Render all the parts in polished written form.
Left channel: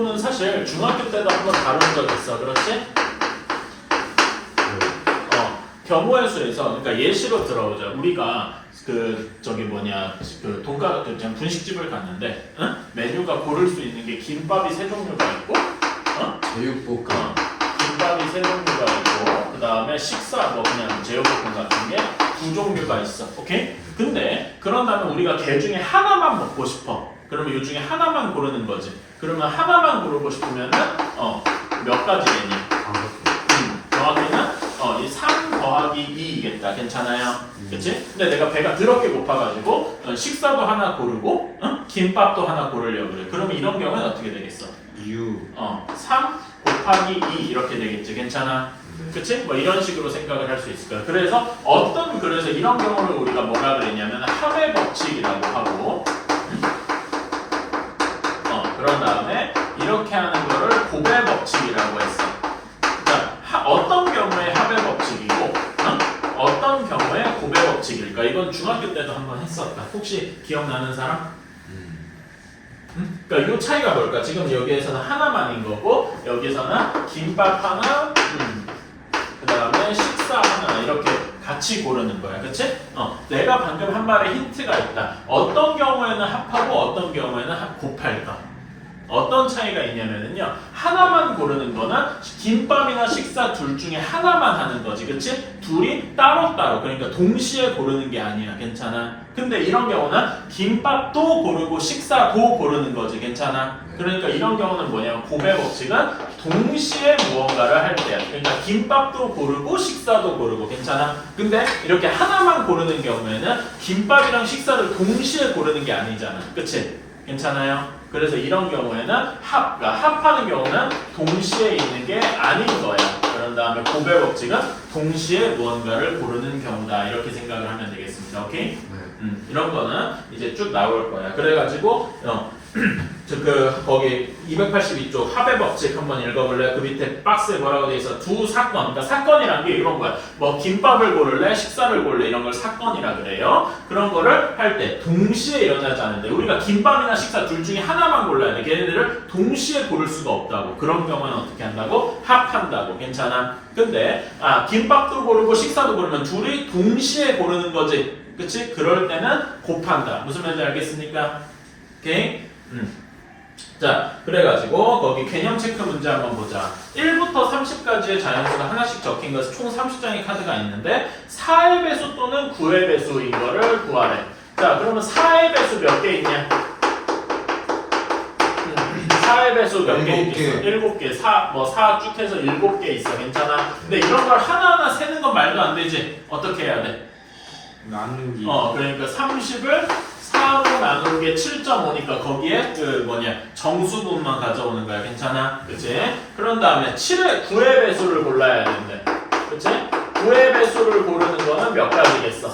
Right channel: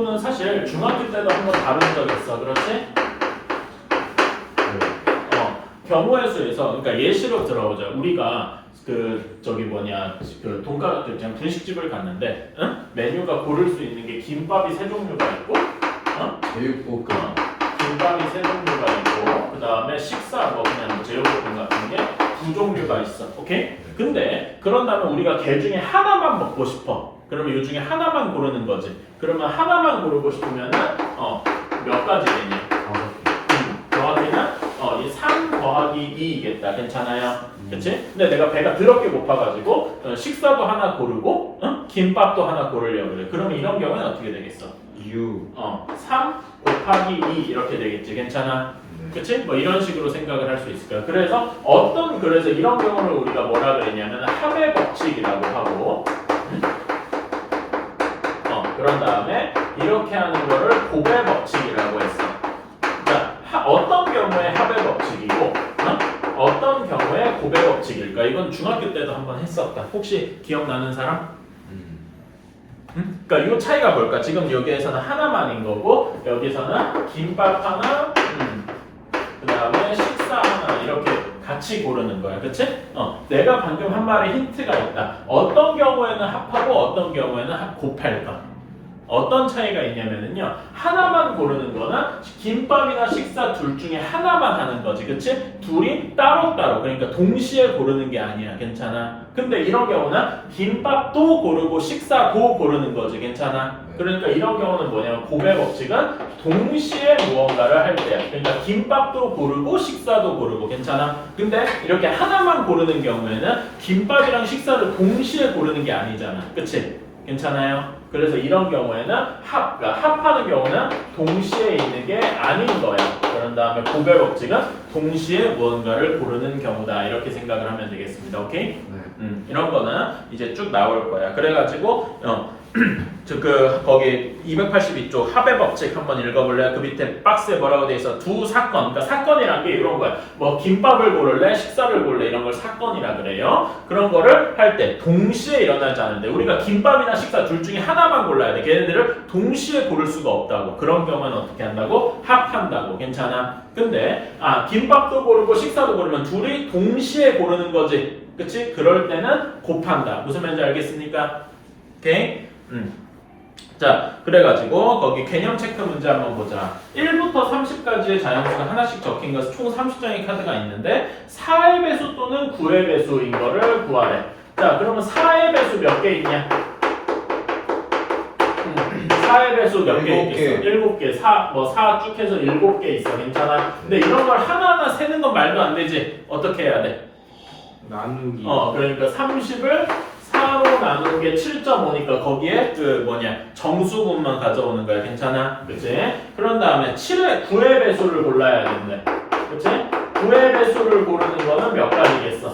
요거는 사실 중학교 때도 한번 다룬 적 있어. 그렇지? 경우의 수에서 그러니까 예시로 들어보자. 우리가 그 저기 뭐냐 그 돈가 그 분식집을 갔는데 메뉴가 고를 수 있는 게 김밥이 세 종류가 있고 제육볶음 김밥이 세 종류가 있고 그 다음에 식사 뭐 그냥 제육볶음 같은 게 두 종류가 있어. 오케이? 근데 그런 다음에 우리가 개 중에 하나만 먹고 싶어. 그러면 이 중에 하나만 고르는 거지. 그러면 하나만 고르고 싶으면은 몇 가지겠냐? 정확히는 이 3 더하기 2이겠다. 괜찮아요? 그치? 근데 내가 배가 더럽게 고파가지고 식사도 하나 고르고 김밥도 하나 고르려고 그래. 그러면 이런 경우는 어떻게 되겠어? 3 곱하기 2 이렇게 되겠지. 괜찮아? 그치? 뭐 이런 식으로 생각을 할 수 있을 거야. 그래서 이런 경우를 우리가 뭐라 그랬냐면 합의 법칙이라고 하고 그런 다음에 이렇게 하는 거를 곱의 법칙이라고 했어. 자, 어떤 경우에 합의 법칙이고 어떤 경우에 곱의 법칙일까? 이건 중학교 때도 한번 했었다. 혹시 기억나는 사람? 그러니까 이 차이가 뭘까? 지금 여기에서는 하나만인 거고 여기서는 김밥 하나, 그 다음에 식사 하나 이렇게 같이 고르는 거야. 그치? 내가 방금 한 말에 힌트가 있다. 어떤 경우에는 합하고 어떤 경우에는 곱할까? 어떤 차이가 있냐면요. 하나만 고르는 거나 김밥이나 식사 둘 중에 하나만 하는 거지. 그치? 둘이 따로따로 그러니까 동시에 고르는 게 아니야. 괜찮아? 근데 이런 경우는 김밥도 고르고 식사도 고르는 거지. 괜찮아? 그러니까 이런 경우는 뭐냐면 곱의 법칙은 동시에 무언가를 할 때야. 그러니까 김밥도 고르고 식사도 고르고. 괜찮아? 근데 이렇게 하나만 고르는 경우에는 김밥이랑 식사를 동시에 고르는 게 아니잖아. 그치? 괜찮아요? 그래서 이런 경우에는 합하는 경우는 동시에 있는 게 아닌 거야. 그런 다음에 곱의 법칙은 동시에 무언가를 고르는 경우다. 이렇게 생각을 하면 되겠습니다. 오케이? 이런 거는 이제 쭉 나올 거야. 그래가지고 거기 282쪽 합의 법칙 한번 읽어볼래? 그 밑에 박스에 뭐라고 돼 있어? 두 사건. 그러니까 사건이란 게 이런 거야. 뭐 김밥을 고를래? 식사를 고를래? 이런 걸 사건이라 그래요. 그런 거를 할 때 동시에 일어나지 않는데 우리가 김밥이나 식사 둘 중에 하나만 골라야 돼. 걔네들을 동시에 고를 수가 없다고. 그런 경우는 어떻게 한다고? 합한다고. 괜찮아? 근데 김밥도 고르고 식사도 고르면 둘이 동시에 고르는 거지. 그치? 그럴 때는 곱한다. 무슨 말인지 알겠습니까? 오케이? 자, 그래가지고 거기 개념 체크 문제 한번 보자. 1부터 30까지의 자연수가 하나씩 적힌 것은 총 30장의 카드가 있는데 4의 배수 또는 9의 배수인 거를 구하래. 자, 그러면 4의 배수 몇 개 있냐? 4의 배수 몇 개 있겠어? 7개. 4 쭉 해서 7개 있어. 괜찮아? 근데 이런 걸 하나하나 세는 건 말도 안 되지. 어떻게 해야 돼? 나누기 그러니까 30을 4로 나눈 게 7.5니까 거기에 정수분만 가져오는 거야. 괜찮아? 그치? 그런 다음에 9의 배수를 골라야 된대. 그치? 9의 배수를 고르는 거는 몇 가지겠어?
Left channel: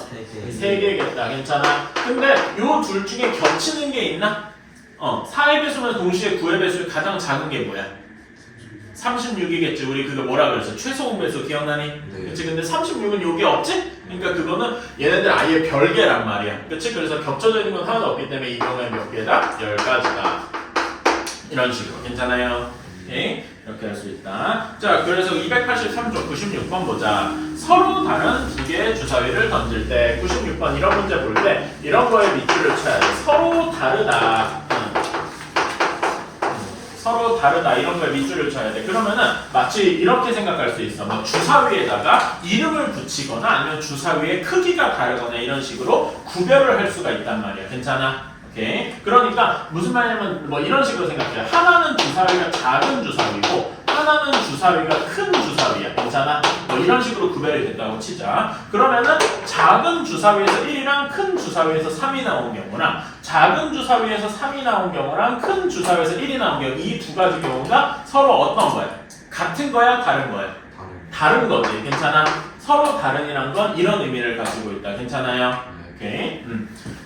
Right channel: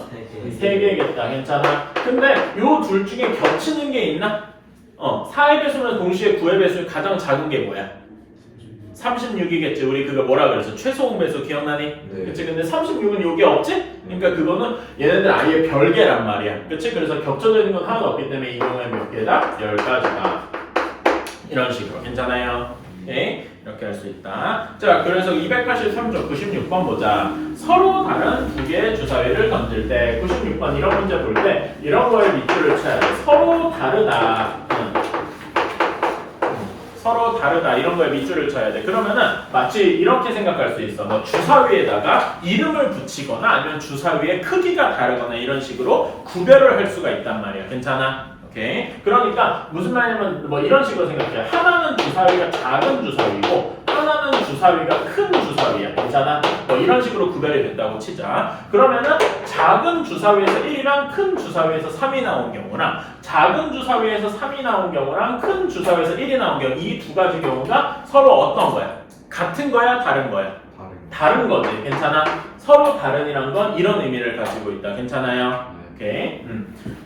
3개겠다. 괜찮아? 근데 요 둘 중에 겹치는 게 있나? 4의 배수면 동시에 9의 배수의 가장 작은 게 뭐야? 36이겠지. 우리 그거 뭐라 그랬어? 최소공 배수 기억나니? 네. 그치? 근데 36은 요게 없지? 그러니까 그거는 얘네들 아예 별개란 말이야. 그치? 그래서 겹쳐져 있는 건 하나도 없기 때문에 이 경우에 몇 개다? 10가지다. 이런 식으로. 괜찮아요? 오케이? 이렇게 할 수 있다. 자, 그래서 283쪽 96번 보자. 서로 다른 두 개의 주사위를 던질 때 96번 이런 문제 볼 때 이런 거에 밑줄을 쳐야 돼. 서로 다르다. 서로 다르다 이런 거에 밑줄을 쳐야 돼. 그러면은 마치 이렇게 생각할 수 있어. 뭐 주사위에다가 이름을 붙이거나 아니면 주사위의 크기가 다르거나 이런 식으로 구별을 할 수가 있단 말이야. 괜찮아? 오케이. 그러니까 무슨 말이냐면 뭐 이런 식으로 생각해. 하나는 주사위가 작은 주사위고 하나는 주사위가 큰 주사위야. 괜찮아? 뭐 이런 식으로 구별이 된다고 치자. 그러면은 작은 주사위에서 1이랑 큰 주사위에서 3이 나온 경우나 작은 주사위에서 3이 나온 경우랑 큰 주사위에서 1이 나온 경우 이 두 가지 경우가 서로 어떤 거야? 같은 거야? 다른 거야? 다른 거지. 괜찮아? 서로 다른이란 건 이런 의미를 가지고 있다. 괜찮아요? 오케이.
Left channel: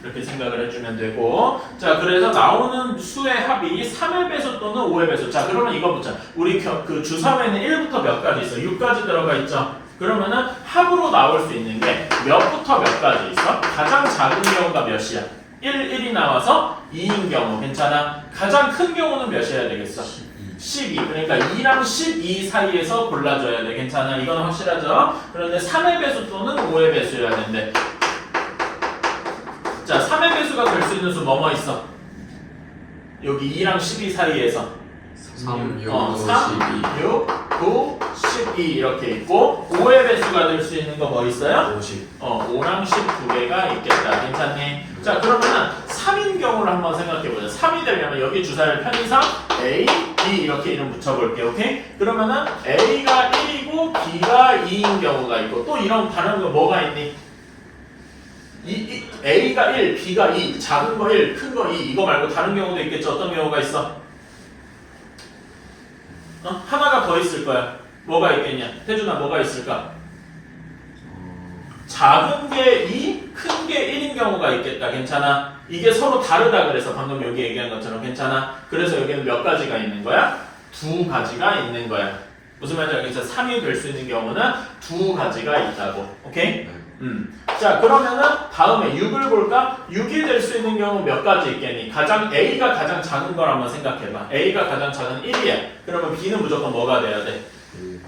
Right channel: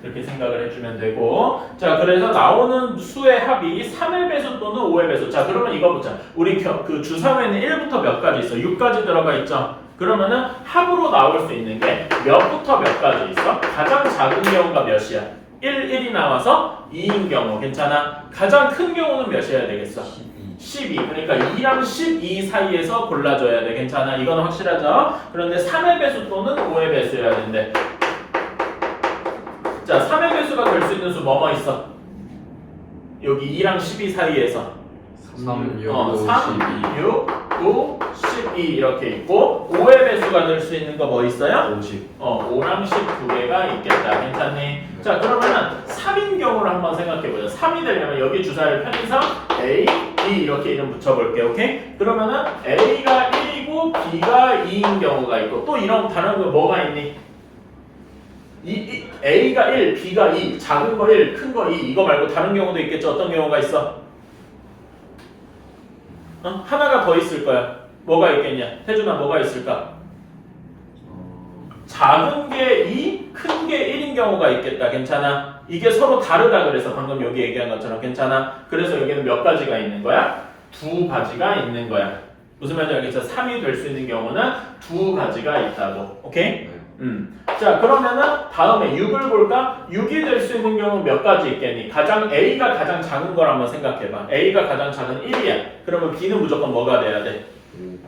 이렇게 생각을 해주면 되고. 자, 그래서 나오는 수의 합이 3의 배수 또는 5의 배수. 자, 그러면 이거 보자. 우리 그 주사위에는 1부터 몇 가지 있어? 6까지 들어가 있죠? 그러면은 합으로 나올 수 있는 게 몇부터 몇 가지 있어? 가장 작은 경우가 몇이야? 1, 1이 나와서 2인 경우 괜찮아? 가장 큰 경우는 몇이어야 되겠어? 12. 그러니까 2랑 12 사이에서 골라줘야 돼. 괜찮아? 이건 확실하죠? 그런데 3의 배수 또는 5의 배수여야 된대. 자, 3의 배수가 될 수 있는 수 뭐뭐 있어? 여기 2랑 12 사이에서 3, 6, 3, 6, 9, 12 이렇게 있고 5의 배수가 될 수 있는 거 뭐 있어요? 50. 5랑 10 두 개가 있겠다. 괜찮니? 자, 그러면은 3인 경우를 한번 생각해보자. 3이 되려면 여기 주사를 편의상 A, B 이렇게 이름 붙여볼게. 오케이? 그러면은 A가 1이고 B가 2인 경우가 있고 또 이런 다른 거 뭐가 있니? A가 1, B가 2, 작은 거 1, 큰 거 2 이거 말고 다른 경우도 있겠죠? 어떤 경우가 있어? 하나가 더 있을 거야. 뭐가 있겠냐? 태준아 뭐가 있을까? 작은 게 2, 큰 게 1인 경우가 있겠다. 괜찮아? 이게 서로 다르다 그래서 방금 여기 얘기한 것처럼 괜찮아? 그래서 여기는 몇 가지가 있는 거야? 두 가지가 있는 거야. 무슨 말인지 알겠어? 3이 될 수 있는 경우는 두 가지가 있다고. 오케이? 자, 그러면은 다음에 6을 볼까? 6이 될 수 있는 경우는 몇 가지 있겠니? A가 가장 작은 걸 한번 생각해봐. A가 가장 작은 1이야. 그러면 B는 무조건 뭐가 돼야 돼?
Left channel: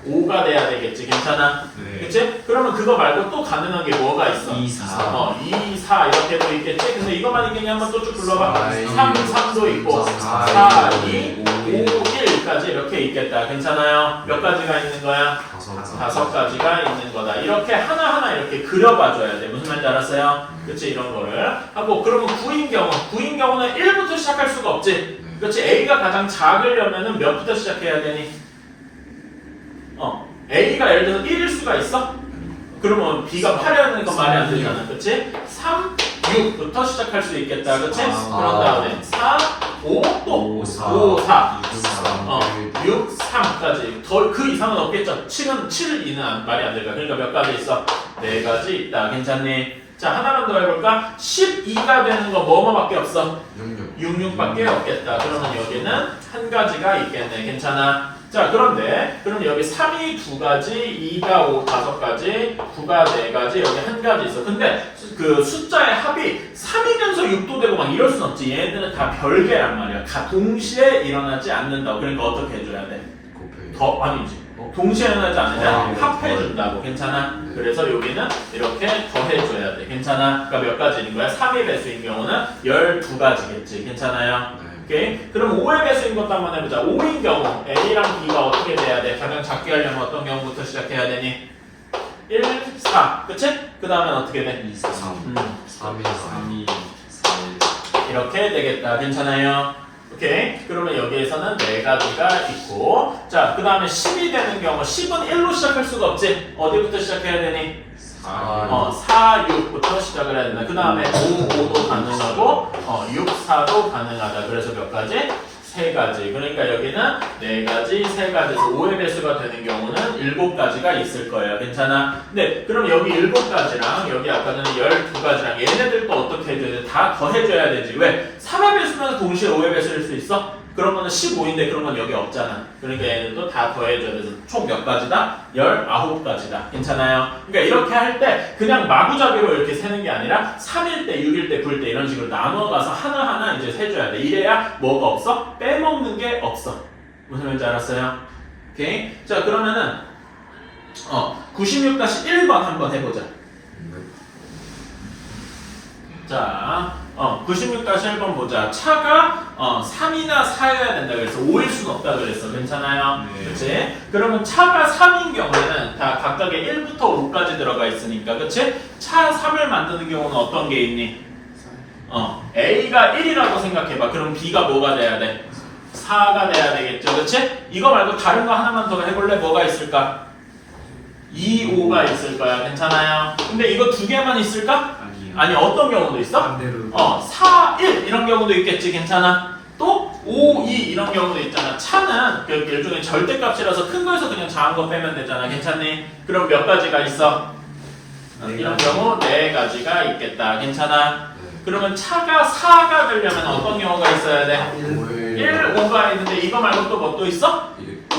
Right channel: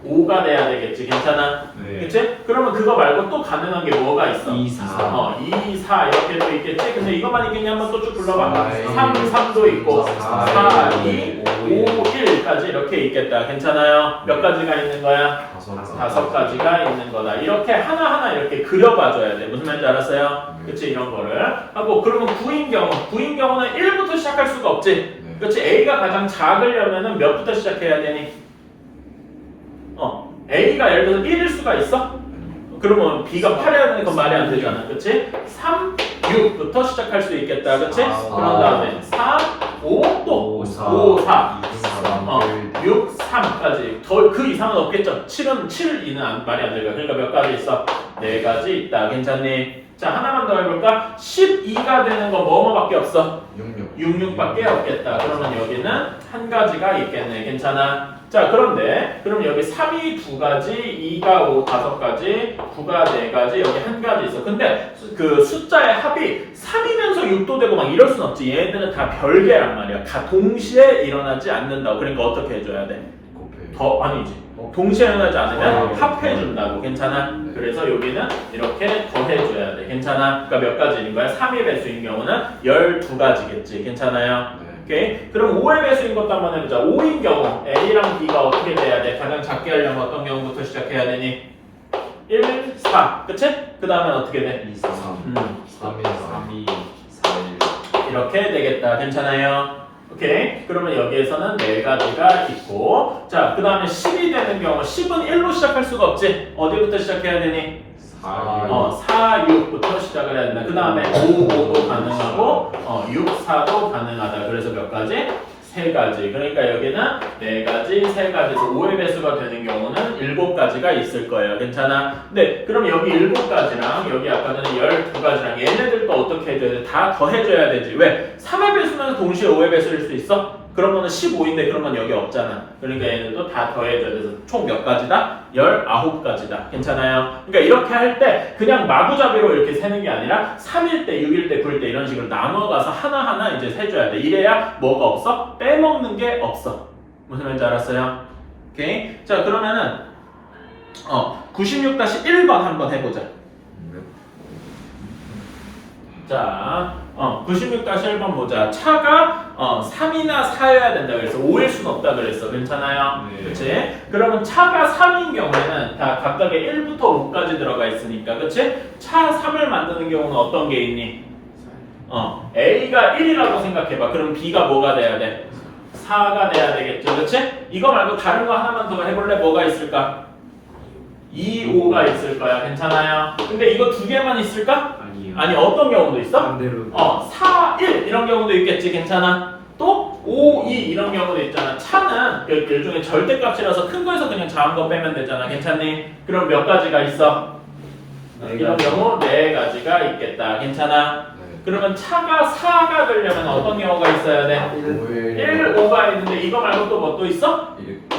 5가 돼야 되겠지. 괜찮아? 네. 그치? 그러면 그거 말고 또 가능한 게 뭐가 있어? 2, 4. 2, 4 이렇게도 있겠지? 근데 이것만 있겠냐? 한번 또 쭉 불러봐. 4, 3, 3도 있고 4, 4, 2, 5, 1까지 이렇게 있겠다. 괜찮아요? 몇 가지가 있는 거야? 5가지가 있는 거다. 이렇게 하나하나 이렇게 그려봐줘야 돼. 무슨 말인지 알았어요? 그치? 이런 거를 하고 그러면 9인 경우는 1부터 시작할 수가 없지? 그치? A가 가장 작으려면은 몇부터 시작해야 되니? A가 예를 들어서 1일 수가 있어? 그러면 B가 8이어야 되는 건 말이 안 되잖아. 그치? 3, 6부터 시작할 수 있겠다. 그치? 그런 다음에 4, 5, 또 5, 4, 6, 3까지. 더 그 이상은 없겠죠? 7은 7, 2는 말이 안 되니까. 그러니까 몇 가지 있어? 4가지 있다. 괜찮니? 자, 하나만 더 해볼까? 12가 되는 거 뭐뭐밖에 없어? 66밖에 없겠다. 그러면 여기는 한 가지가 있겠네. 괜찮아? 자, 그런데 그럼 여기 3이 2가지, 2가 5, 5가지, 9가 4가지, 여기 한 가지 있어. 근데 그 숫자의 합이 3이면서 6도 되고 막 이럴 순 없지. 얘네들은 다 별개란 말이야. 다 동시에 일어나지 않는다고. 그러니까 어떻게 해줘야 돼? 아니지. 동시에 일어나지 않으면 합해준다고. 괜찮아? 그래서 여기는 이렇게 더해줘야 돼. 괜찮아? 그러니까 몇 가지인 거야? 3의 배수인 경우는 12가지겠지. 괜찮아요? 오케이. 그럼 5의 배수인 것도 한번 해보자. 5인 경우 A랑 B가 어떻게 돼야 돼? 가장 작게 하려면 어떤 경우부터 시작해야 되니? 1, 4. 그치? 그 다음에 어떻게 돼? 2, 3. 3이 4일. 이렇게 되겠다. 괜찮아요? 오케이. 그러면 여기에서는 4가지가 있고 자, 그 다음에 10이 되는 경우 10은 1로 시작할 수가 없지? 어디부터 시작해야 되니? 4, 6부터 시작을 해야 된다. 그 다음에 5, 5도 가능하고 6, 4도 가능하다. 그래서 몇 가지? 3가지. 그러니까 여기는 4가지, 3가지에서 5의 배수가 되는 경우는 7가지가 있을 거예요. 괜찮아? 네, 그럼 여기 7가지랑 여기 아까 전에 12가지랑 얘네들도 어떻게 해줘야 돼? 다 더해줘야 되지. 왜? 3의 배수면 동시에 5의 배수일 수 있어? 그러면 15인데 그러면 여기 없잖아. 그러니까 얘네도 다 더해줘야 돼서 총 몇 가지다? 19가지다. 괜찮아요? 그러니까 이렇게 할 때 그냥 마구잡이로 이렇게 세는 게 아니라 3일 때, 6일 때, 9일 때 이런 식으로 나눠가서 하나하나 이제 세줘야 돼. 이래야 뭐가 없어? 빼먹는 게 없어. 무슨 말인지 알았어요? 오케이? 자, 그러면은 96-1번 한번 해보자. 자, 96-1번 보자. 차가 3이나 4여야 된다 그랬어. 5일 수는 없다 그랬어. 괜찮아요? 네. 그치? 그러면 차가 3인 경우에는 다 각각의 1부터 5까지 들어가 있으니까, 그치? 차 3을 만드는 경우는 어떤 게 있니? A가 1이라고 생각해봐. 그럼 B가 뭐가 돼야 돼? 4가 돼야 되겠죠. 그치? 이거 말고 다른 거 하나만 더 해볼래? 뭐가 있을까? 2, 5가 있을 거야. 괜찮아요? 근데 이거 두 개만 있을까? 아니, 어떤 경우도 있어? 반대로 4, 1 이런 경우도 있겠지. 괜찮아? 또 5, 2 이런 경우도 있잖아. 차는 일종의 절대값이라서 큰 거에서 그냥 작은 거 빼면 되잖아. 괜찮니? 그럼 몇 가지가 있어? 이런 경우 4가지가 있겠다. 괜찮아? 그러면 차가 4가 되려면 어떤 경우가 있어야 돼? 1, 5가 있는데 이거 말고 또 뭐 또 있어?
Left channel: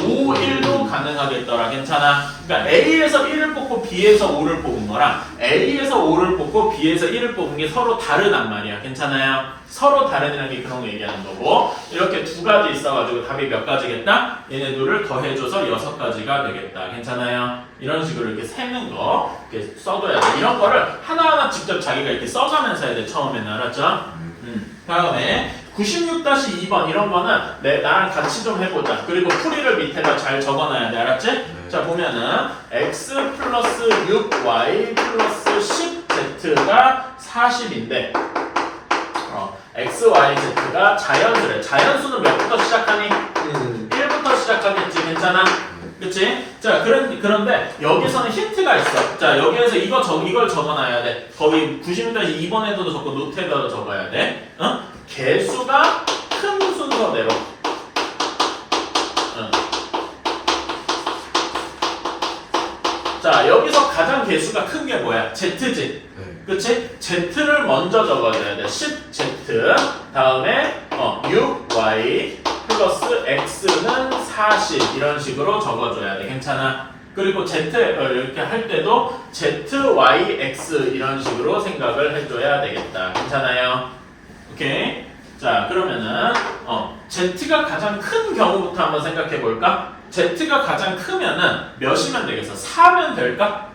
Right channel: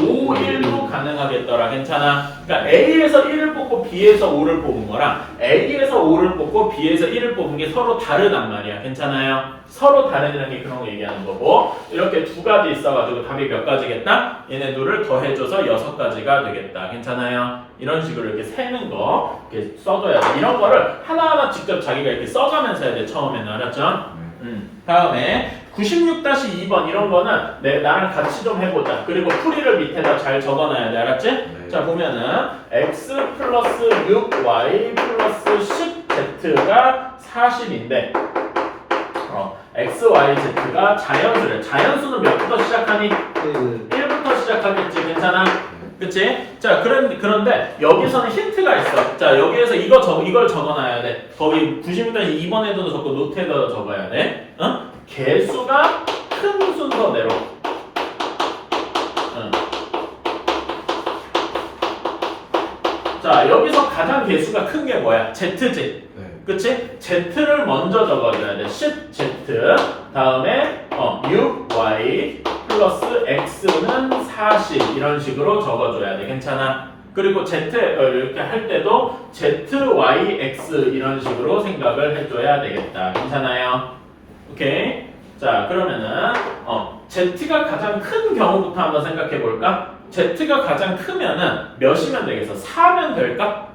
5, 1도 가능하겠더라. 괜찮아? 그러니까 A에서 1을 뽑고 B에서 5를 뽑은 거랑 A에서 5를 뽑고 B에서 1을 뽑은 게 서로 다르단 말이야. 괜찮아요? 서로 다르다는 게 그런 거 얘기하는 거고 이렇게 두 가지 있어가지고 답이 몇 가지겠다? 얘네 둘을 더해줘서 6가지가 되겠다. 괜찮아요? 이런 식으로 이렇게 세는 거 이렇게 써둬야 돼. 이런 거를 하나하나 직접 자기가 이렇게 써가면서 해야 돼. 처음에는 알았죠? 다음에 96-2번 이런 거는 나랑 같이 좀 해보자. 그리고 풀이를 밑에다 잘 적어놔야 돼. 알았지? 네. 자 보면은 x 플러스 6y 플러스 10z가 40인데 x, y, z가 자연수래. 자연수는 몇부터 시작하니? 1부터 시작하겠지. 괜찮아? 그치? 자, 그런데 여기서는 힌트가 있어. 자, 여기에서 이걸 적어놔야 돼. 거기 96-2번에도 적고 노트에도 적어야 돼. 개수가 큰 순서대로. 자, 여기서 가장 개수가 큰 게 뭐야? Z지. 그치? Z를 먼저 적어줘야 돼. 10Z. 다음에 6Y 플러스 X는 40 이런 식으로 적어줘야 돼. 괜찮아? 그리고 Z 이렇게 할 때도 ZYX 이런 식으로 생각을 해줘야 되겠다. 괜찮아요? 오케이? 자 그러면은 Z가 가장 큰 경우부터 한번 생각해 볼까? Z가 가장 크면은 몇이면 되겠어? 4면 될까?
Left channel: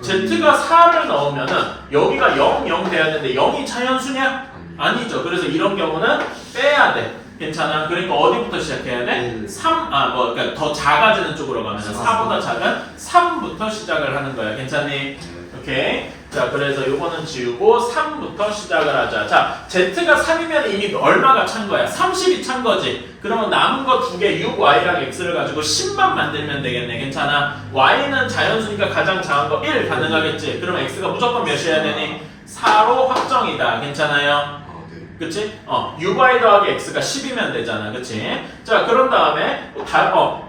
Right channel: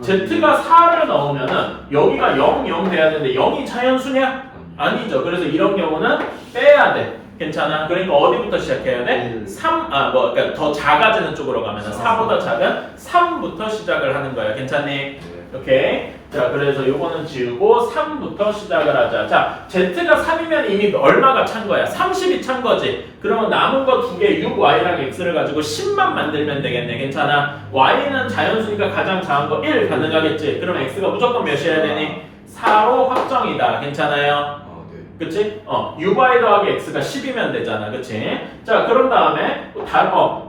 Z가 4를 넣으면은 여기가 0, 0 돼야 되는데 0이 자연수냐? 아니죠. 그래서 이런 경우는 빼야 돼. 괜찮아? 그러니까 어디부터 시작해야 돼? 3, 그러니까 더 작아지는 쪽으로 가면 4보다 작은 3부터 시작을 하는 거야. 괜찮니? 오케이. 자, 그래서 요거는 지우고 3부터 시작을 하자. 자, Z가 3이면 이미 얼마가 찬 거야? 30이 찬 거지. 그러면 남은 거 두 개 6Y랑 X를 가지고 10만 만들면 되겠네. 괜찮아? Y는 자연수니까 가장 작은 거 1 가능하겠지. 그럼 X가 무조건 몇이어야 되니? 4로 확정이다. 괜찮아요? 그치? UY 더하기 X가 10이면 되잖아. 그치? 자, 그런 다음에,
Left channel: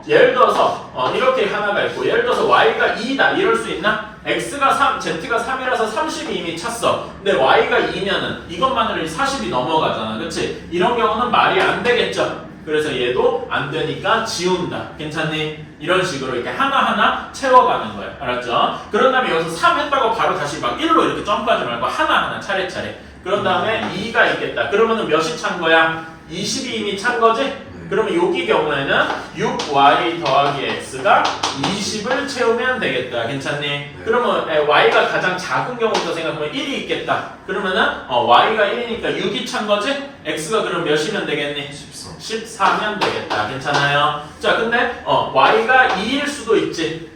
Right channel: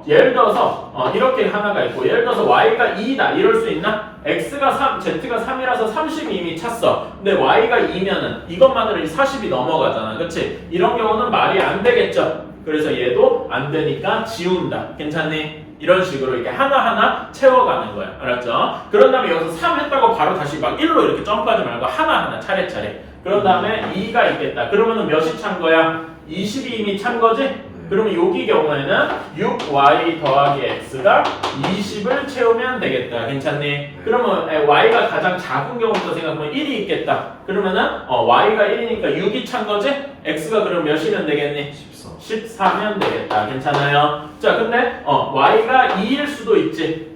예를 들어서, 이렇게 하나가 있고, 예를 들어서 Y가 2다. 이럴 수 있나? X가 3, Z가 3이라서 30이 이미 찼어. 근데 Y가 2면은 이것만으로 40이 넘어가잖아. 그치? 이런 경우는 말이 안 되겠죠? 그래서 얘도 안 되니까 지운다. 괜찮니? 이런 식으로 이렇게 하나하나 채워가는 거야. 알았죠? 그런 다음에 여기서 3 했다고 바로 다시 막 1로 이렇게 점프하지 말고 하나하나 차례차례. 그런 다음에 2가 있겠다. 그러면은 몇이 찬 거야? 20이 이미 찬 거지? 그러면 여기 경우에는 6y 더하기 x가 20을 채우면 되겠다. 괜찮니? 그러면 y가 가장 작은 경우부터 생각하면 1이 있겠다. 그러면은 y가 1이니까 6이 찬 거지? x가 그럼 몇이면 되겠니? 14면 되겠다. 괜찮아요? 자, 근데 y가 2일 수도 있지.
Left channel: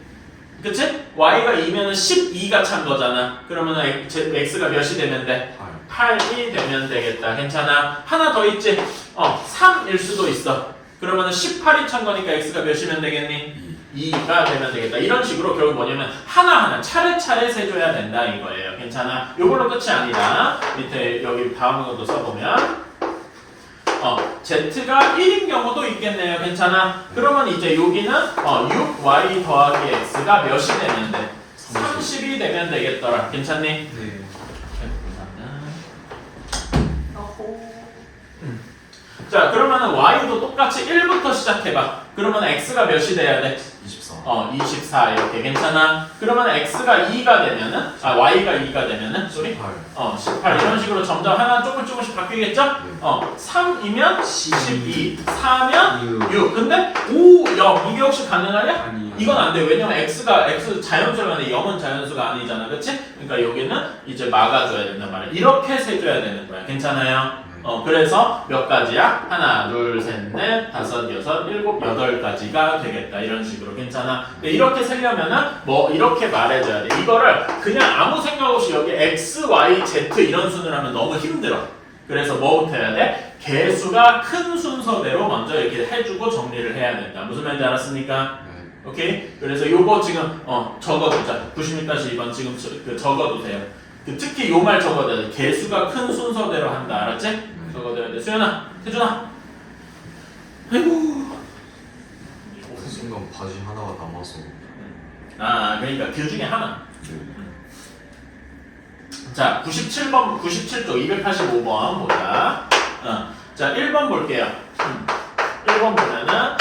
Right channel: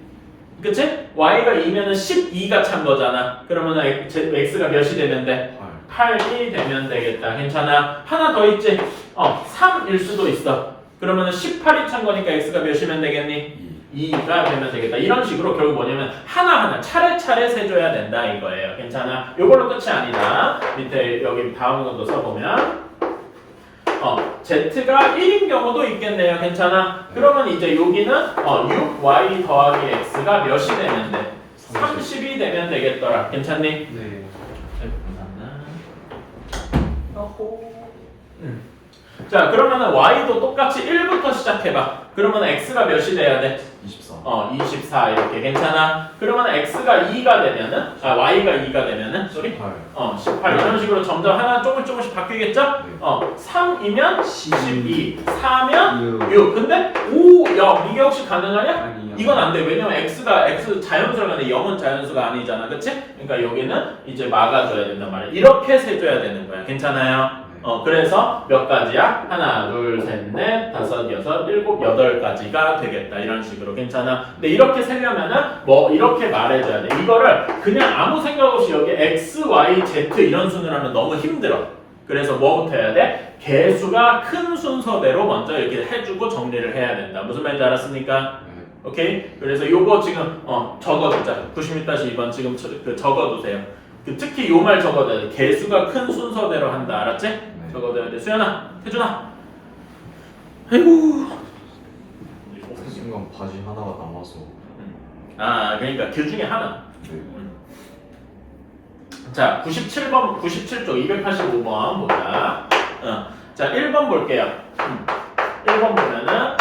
그치? y가 2면은 12가 찬 거잖아. 그러면은 x가 몇이 되면 돼? 8이 되면 되겠다. 괜찮아? 하나 더 있지? 3일 수도 있어. 그러면은 18이 찬 거니까 x가 몇이면 되겠니? 2가 되면 되겠다. 이런 식으로 결국 뭐냐면 하나하나 차례차례 세줘야 된다 이거예요. 괜찮아? 요걸로 끝이 아니다. 밑에 여기 다음 것도 써보면 Z가 1인 경우도 있겠네요. 괜찮아? 그러면 이제 여기는 6y 더하기 x가 몇이 되면 돼? 30이 되면 되겠더라. 괜찮니? 네. 자, 그러면은 y도 똑같이 1부터 시작해봐. 그러면 x가 몇이 돼야 돼? 24. 24 이렇게. 괜찮아? 그러면 x가 2가 되면은 y가 2가 되면은 18 이런 식으로 점점 하나 조금씩 바뀌겠죠? 3이면 12 4면 6 근데 5, 0 이게 혹시 가능하냐? 아니요. 이건 안 돼. 왜냐면 x 자연수가 아닌데 0은 자연수가 아니잖아. 그치? 그러니까 여기는 이제 막아줘야 된단 말이야. 이렇게 세줘야 되는 거야. 괜찮아요? 그래서 몇 가지야? 하나, 둘, 셋, 넷, 다섯, 여섯, 일곱, 8가지가 되겠다. 이런 식으로. 괜찮아? 근데 이렇게 세려면은 이렇게 말해줘야 돼. 이거를 그냥 아무 생각 없이 여기 x, y, z 이런 순으로 하면 너무 힘들어. 그래서 뭐부터 해야 돼? 개수가 큰 순서대로 먼저 이렇게 해주고 정리를 해야 된다. 무슨 말인지 알았습니까? 오케이? 그래서 요거 지금 적어두자. 96-2번 지금 적어두세요. 특히 요 말 적어둬야 돼. 개수가 큰 순서대로 한다. 알았지? 적어둬야 돼. 수연아, 태준아. 아이고. 그 순간 바지 하나가 남아서. 그러니까 그 중에 하나. 자, 97쪽 285번 보자. 자, 1번 볼게요. 1번 보면은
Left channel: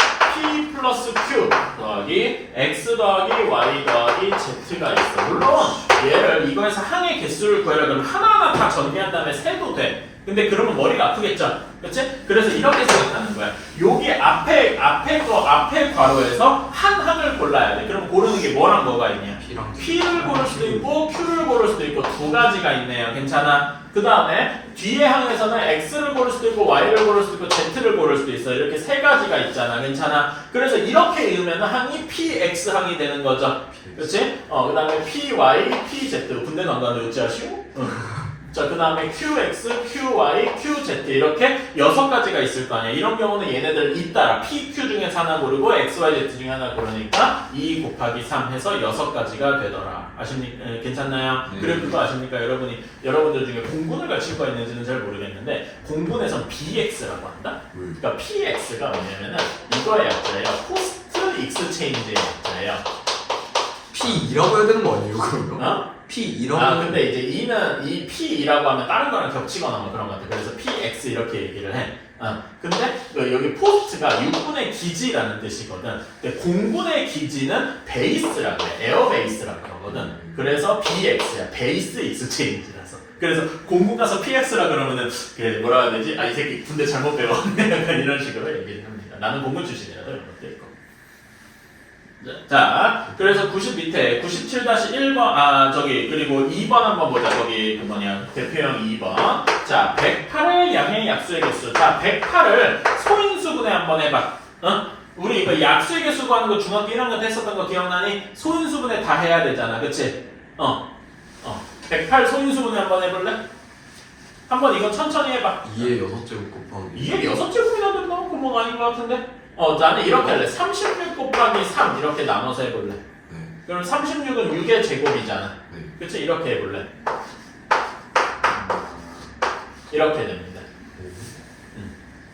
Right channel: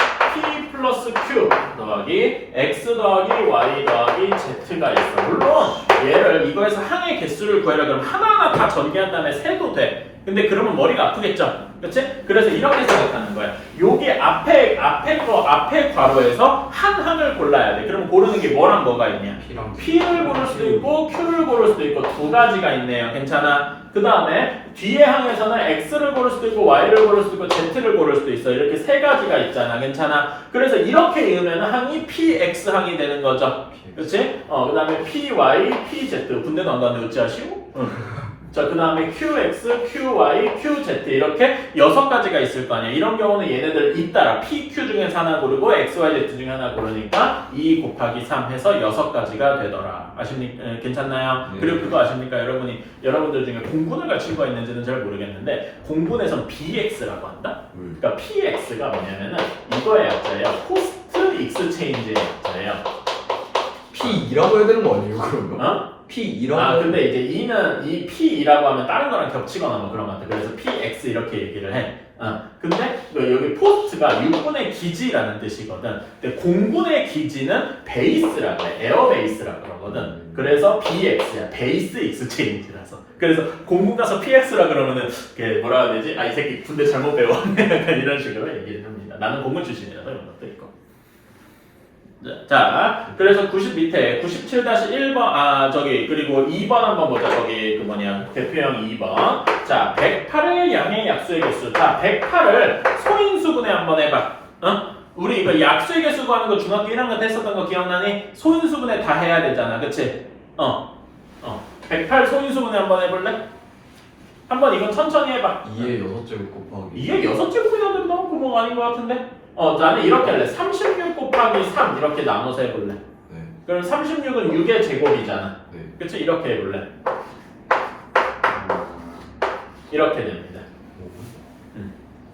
p 플러스 플러스 q 더하기 x 더하기 y 더하기 z가 있어. 물론 얘를 이거에서 항의 개수를 구하려 그러면 하나하나 다 전개한 다음에 세도 돼. 근데 그러면 머리가 아프겠죠? 그렇지? 그래서 이렇게 생각하는 거야. 여기 앞에 괄호에서 한 항을 골라야 돼. 그럼 고르는 게 뭐랑 뭐가 있냐? P를 고를 수도 있고 Q를 고를 수도 있고 두 가지가 있네요. 괜찮아? 그 다음에 뒤에 항에서는 X를 고를 수도 있고 Y를 고를 수도 있고 Z를 고를 수도 있어. 이렇게 세 가지가 있잖아. 괜찮아? 그래서 이렇게 읽으면 항이 PX 항이 되는 거죠. 그렇지? 그 다음에 PY, PZ. 군대도 안 가는 유치하시고? 자, 그 다음에 QX, QY, QZ 이렇게 6가지가 있을 거 아니야. 이런 경우는 얘네들 잇따라 PQ 중에서 하나 고르고 XYZ 중에 하나 고르니까 2 곱하기 3 해서 6가지가 되더라. 아십니까? 괜찮나요? 네. 그리고 그거 아십니까? 여러분들 중에 공분을 갖춘 거 있는지는 잘 모르겠는데 공분에선 BX라고 한다? 그러니까 PX가 뭐냐면은 이거의 약자예요. 포스트 익스체인지의 약자예요. P2라고 해야 되는 거 아니에요 그러면? 어? P2라고 근데 이제 이는 이 P이라고 하면 다른 거랑 겹치거나 뭐 그런 것 같아. 그래서 PX 이렇게 얘기를 해. 근데 여기 포스트가 6분의 기지라는 뜻이거든. 근데 공분의 기지는 베이스라고 해. 에어베이스라고 그러거든. 그래서 BX야. 베이스 익스체인지라서. 그래서 공군 가서 PX라 그러면은 뭐라 해야 되지? 이 새끼 군대 잘못 배웠네. 약간 이런 식으로 얘기를 합니다. 나는 공군 출신이라서 이런 것도 있고. 자, 그래서 90 밑에 97-1번 그리고 2번 한번 보자. 저기 대표형 2번. 자, 108의 양의 약수의 개수. 자, 108을 소인수분해 한번 해봐. 우리 이거 약수의 개수 구하는 거 중학교 1학년 때 했었던 거 기억나니? 소인수분해 다 해야 되잖아. 그치? 108 소인수분해 한번 해볼래? 한번 이거 천천히 해봐. 2의 6제곱 곱하기 이게 6제곱이나 된다고 구멍 아닌 것 같은데? 나는 이렇게 할래. 36 곱하기 3 이렇게 나눠서 해볼래. 네. 그럼 36은 6의 제곱이잖아. 네. 그치? 이렇게 해볼래. 이렇게 됩니다.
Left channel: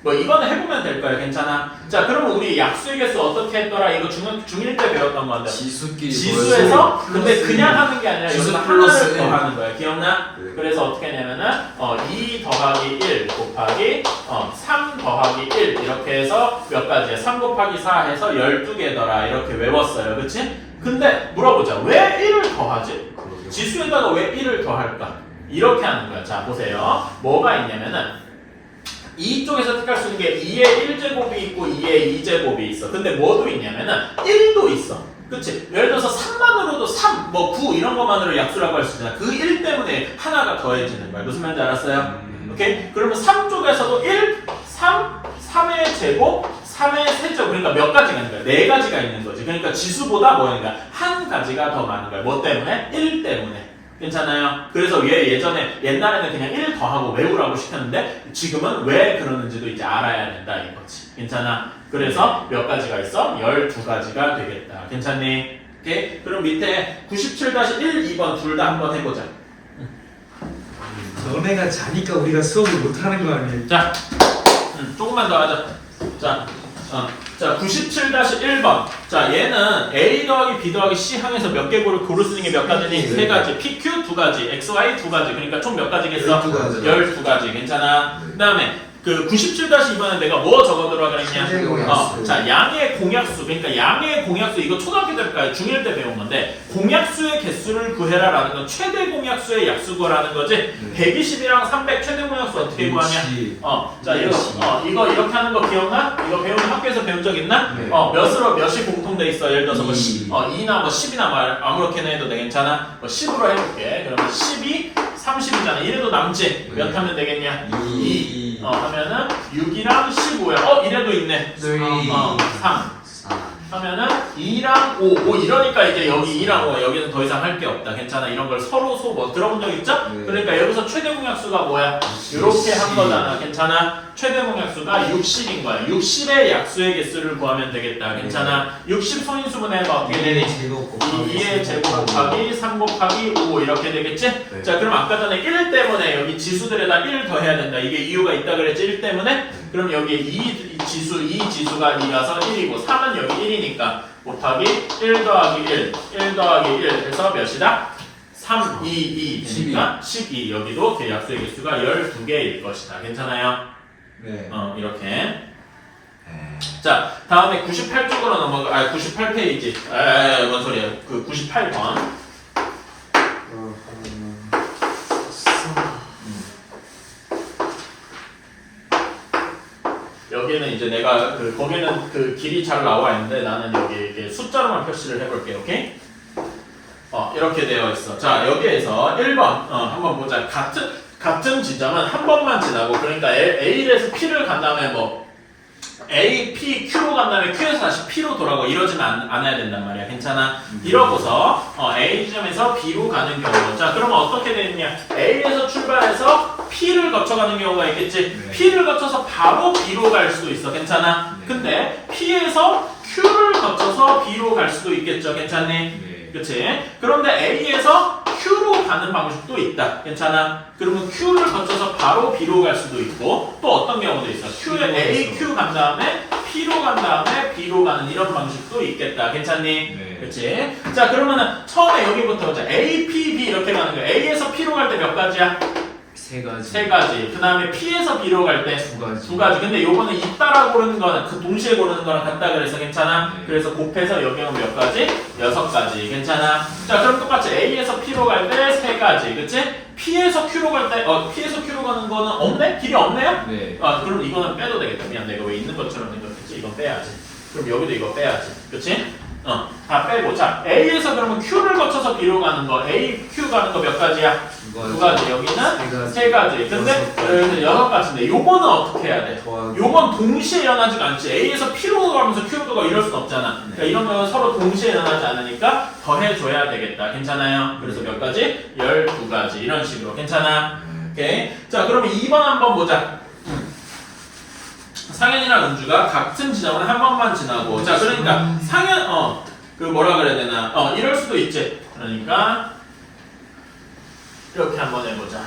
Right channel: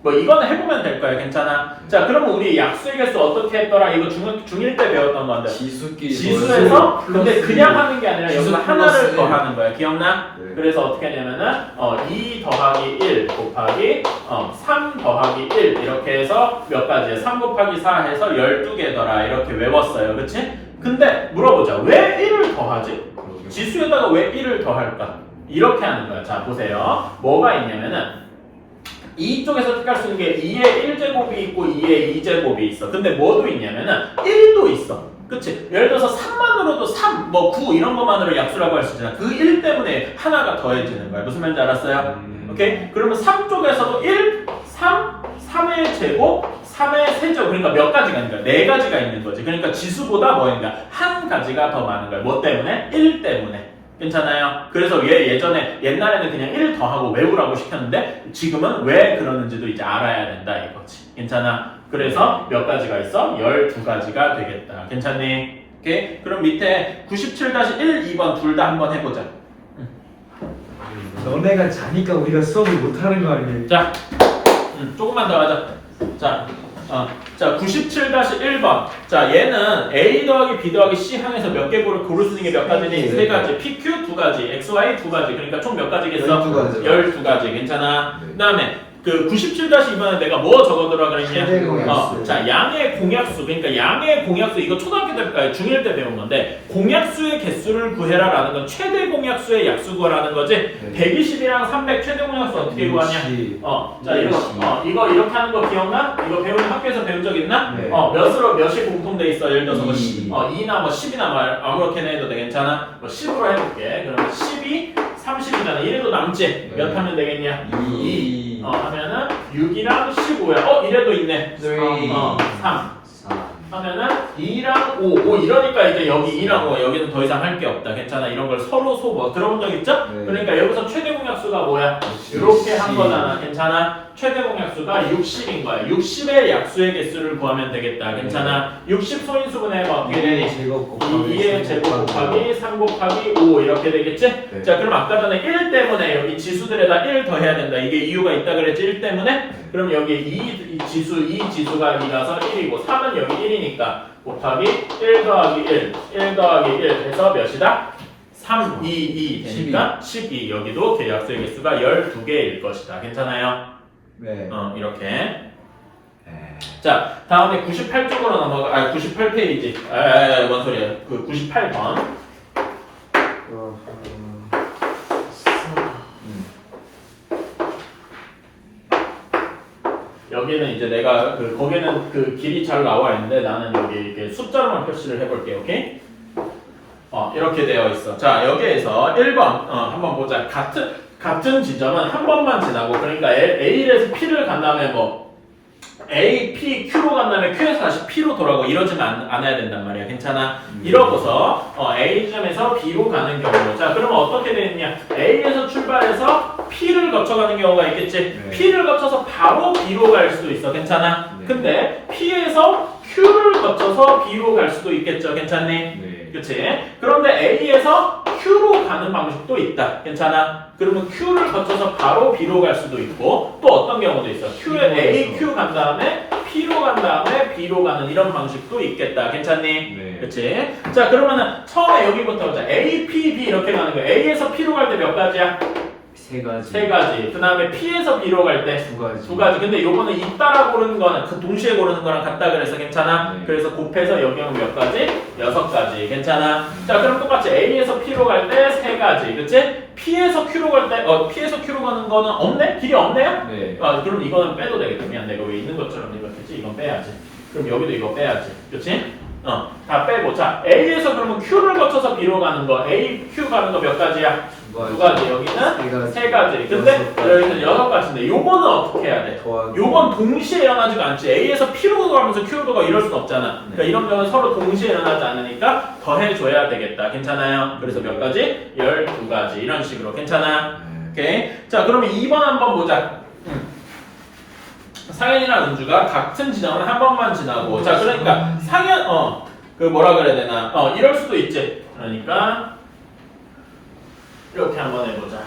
뭐 이거는 해보면 될 거야. 괜찮아? 자, 그러면 우리 약수의 개수 어떻게 했더라? 이거 중1 때 배웠던 건데. 지수끼리 지수에서 근데 그냥 하는 게 아니라 지수 여기서 플러스 하나를 일. 더하는 거야. 기억나? 네. 그래서 어떻게 하냐면은 2 더하기 1 곱하기 3 더하기 1 이렇게 해서 몇 가지야? 3 곱하기 4 해서 12개더라. 이렇게 외웠어요. 그치? 근데 물어보자. 왜 1을 더하지? 그러게요. 지수에다가 왜 1을 더할까? 이렇게 하는 거야. 자, 보세요. 뭐가 있냐면은 이쪽에서 택할 수 있는 게 2의 1제곱이 있고 2의 2제곱이 있어. 근데 뭐도 있냐면은 1도 있어. 그치? 예를 들어서 3만으로도 3, 9 이런 것만으로 약수라고 할 수 있잖아. 그 1 때문에 하나가 더해지는 거야. 무슨 말인지 알았어요? 오케이? 그러면 3 쪽에서도 1, 3, 3의 제곱, 3의 세제곱. 그러니까 몇 가지가 있는 거야? 4가지가 있는 거지. 그러니까 지수보다 뭐니까 한 가지가 더 많은 거야. 뭐 때문에? 1 때문에. 괜찮아요? 그래서 예전에 옛날에는 그냥 1 더하고 외우라고 시켰는데 지금은 왜 그러는지도 이제 알아야 된다 이거지. 괜찮아? 그래서 몇 가지가 있어? 12가지가 되겠다. 괜찮니? 오케이? 그럼 밑에 97-1, 2번 둘 다 한번 해보자. 너네가 자니까 우리가 수업을 못하는 거 아니에요? 자, 조금만 더 하자. 자, 97-1번. 자, 얘는 A 더하기 B 더하기 C 항에서 몇 개 고를 수 있는 게 몇 가지니? 세 가지. PQ 2가지, XY 2가지. 그러니까 총 몇 가지겠어? 12가지. 12가지. 괜찮아? 네. 그 다음에 그 97-2번에 내가 뭐 적어두라 그랬냐? 최대 공약수. 자, 양의 공약수. 그러니까 양의 공약수. 이거 초등학교 때까지 중1 때 배운 건데 공약수의 개수를 구해라라는 건 최대 공약수의 약수 구하라는 거지. 120이랑 300 최대 공약수 어떻게 구하냐? 자, 이거 이렇게 하는 거 기억나? 이거 배우는 학교에서 배운 적 있나? 네. 몇이 공통돼 있어? 예를 들어서 뭐 2. 2나 뭐 10이나 뭐 아무렇게나 해도 돼. 괜찮아? 뭐 10으로 해볼게. 그러면 10이 30이잖아. 1도 남지? 네. 몇 하면 되겠냐? 2. 하면은 6이랑 15야. 이래도 있네. 3. 3. 4. 하면은 2랑 5. 이러니까 이제 여기 2랑 5. 여기는 더 이상 할 게 없다. 괜찮아. 이런 걸 서로 소모. 들어본 적 있죠? 네. 그러니까 여기서 최대 공약수가 뭐야? 이렇게 한 거잖아. 괜찮아? 최대 공약수가 60인 거야. 60의 약수의 개수를 구하면 되겠다. 괜찮아? 60 소인수분해가 어떻게 되니? 2의 제곱 곱하기 2의 제곱 곱하기 3 곱하기 5 이렇게 되겠지? 네. 자, 그럼 아까 전에 1 때문에 여기 지수들에다 1 더해야 된다. 이게 이유가 있다 그랬지? 1 때문에? 그럼 여기 이 지수가 2라서 1이고 3은 여기 1이니까 곱하기 1 더하기 1 더하기 1 해서 몇이다? 3, 2 되니까 12. 여기도 약수의 개수가 12개일 것이다. 괜찮아요? 네. 이렇게. 자, 다음에 98쪽으로 넘어가. 아, 98페이지. 뭔 소리야? 그 98번. 여기는 이제 내가 거기는 그 길이 잘 나와 있는데 나는 여기 이렇게 숫자로만 표시를 해볼게, 오케이? 이렇게 되어 있어. 자, 여기에서 1번 한번 보자. 같은 지점은 한 번만 지나고, 그러니까 A에서 P를 간 다음에 뭐 A, P, Q로 간 다음에 Q에서 다시 P로 돌아가고 이러지는 않아야 된단 말이야. 괜찮아? 이러고서 A 지점에서 B로 가는 경우. 자, 그러면 어떻게 되느냐? A에서 출발해서 P를 거쳐가는 경우가 있겠지. 네. P를 거쳐서 바로 B로 갈 수도 있어. 괜찮아? 네. 근데 P에서 Q를 거쳐서 B로 갈 수도 있겠죠. 괜찮니? 네. 그치? 그런데 A에서 Q로 가는 방식도 있다. 괜찮아? 그러면 Q를 거쳐서 바로 B로 갈 수도 있고, 또 어떤 경우도 있어. Q에 A, Q 간 다음에 P로 간 다음에 B로 가는 이런 방식도 있겠다. 괜찮니? 네. 그치? 자, 그러면은 처음에 여기부터 보자. A, P, B 이렇게 가는 거야. A에서 P로 갈 때 몇 가지야? 세 가지. 세 가지. 그 다음에 P에서 B로 갈 때 두 가지. 두 가지. 근데 요거는 잇따라 고르는 거는 그 동시에 고르는 거랑 같다 그래서 괜찮아? 네. 그래서 곱해서 여기는 몇 가지? 6가지. 괜찮아? 자, 그럼 똑같이 A에서 P로 갈 때 세 가지. 그치? P에서 Q로 갈 때, P에서 Q로 가는 거는 없네? 길이 없네요? 네. 그럼 이거는 빼도 되겠다. 미안, 내가 왜 있는 것처럼 생각했지? 이건 빼야지. 그럼 여기도 이거 빼야지. 그치? 다 빼고. 자, A에서 그러면 Q를 거쳐서 B로 가는 거, A, Q 가는 거 몇 가지야? 두 가지. 여기는 세 가지. 근데 여기는 6가지인데 요거는 어떻게 해야 돼? 요건 동시에 일어나지가 않지. A에서 P로 가면서 Q로 가 이럴 수 없잖아. 그러니까 이런 경우는 서로 동시에 일어나지 않으니까 더해줘야 되겠다. 괜찮아요? 그래서 몇 가지? 12가지. 이런 식으로. 괜찮아요? 오케이. 자, 그러면 2번 한번 보자. 상현이랑 은주가 같은 지점을 한 번만 지나고. 자, 그러니까 상현, 그 뭐라 그래야 되나? 이럴 수도 있지. 그러니까 이렇게 한번 해보자.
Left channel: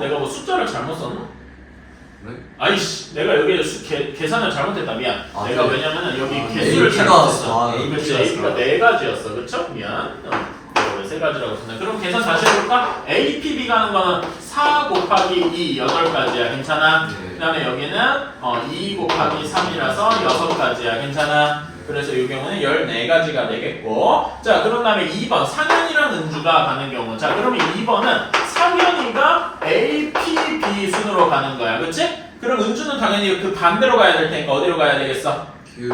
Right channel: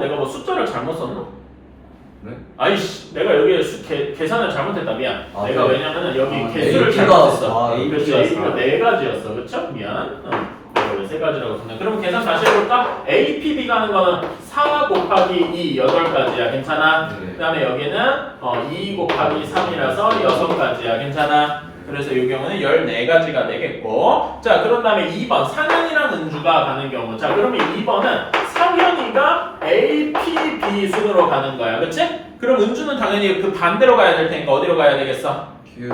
내가 뭐 숫자를 잘못 썼나? 네? 아이씨, 내가 여기 계산을 잘못했다. 미안. 아, 내가 네. 왜냐면은 여기 아, 개수를 A가 잘못했어. 아, 그렇지, A가 4가지였어. 그쵸? 미안. 내가 왜 3가지라고 썼나? 그럼 계산 다시 해볼까? A, P, B 가는 거는 4 곱하기 2, 8가지야. 괜찮아? 네. 그 다음에 여기는 2 곱하기 3이라서 6가지야. 괜찮아? 그래서 이 경우는 14가지가 되겠고. 자, 그런 다음에 2번 상현이랑 은주가 가는 경우. 자, 그러면 2번은 상현이가 A, P, B 순으로 가는 거야. 그치? 그럼 은주는 당연히 그 반대로 가야 될 테니까 어디로 가야 되겠어? 큐.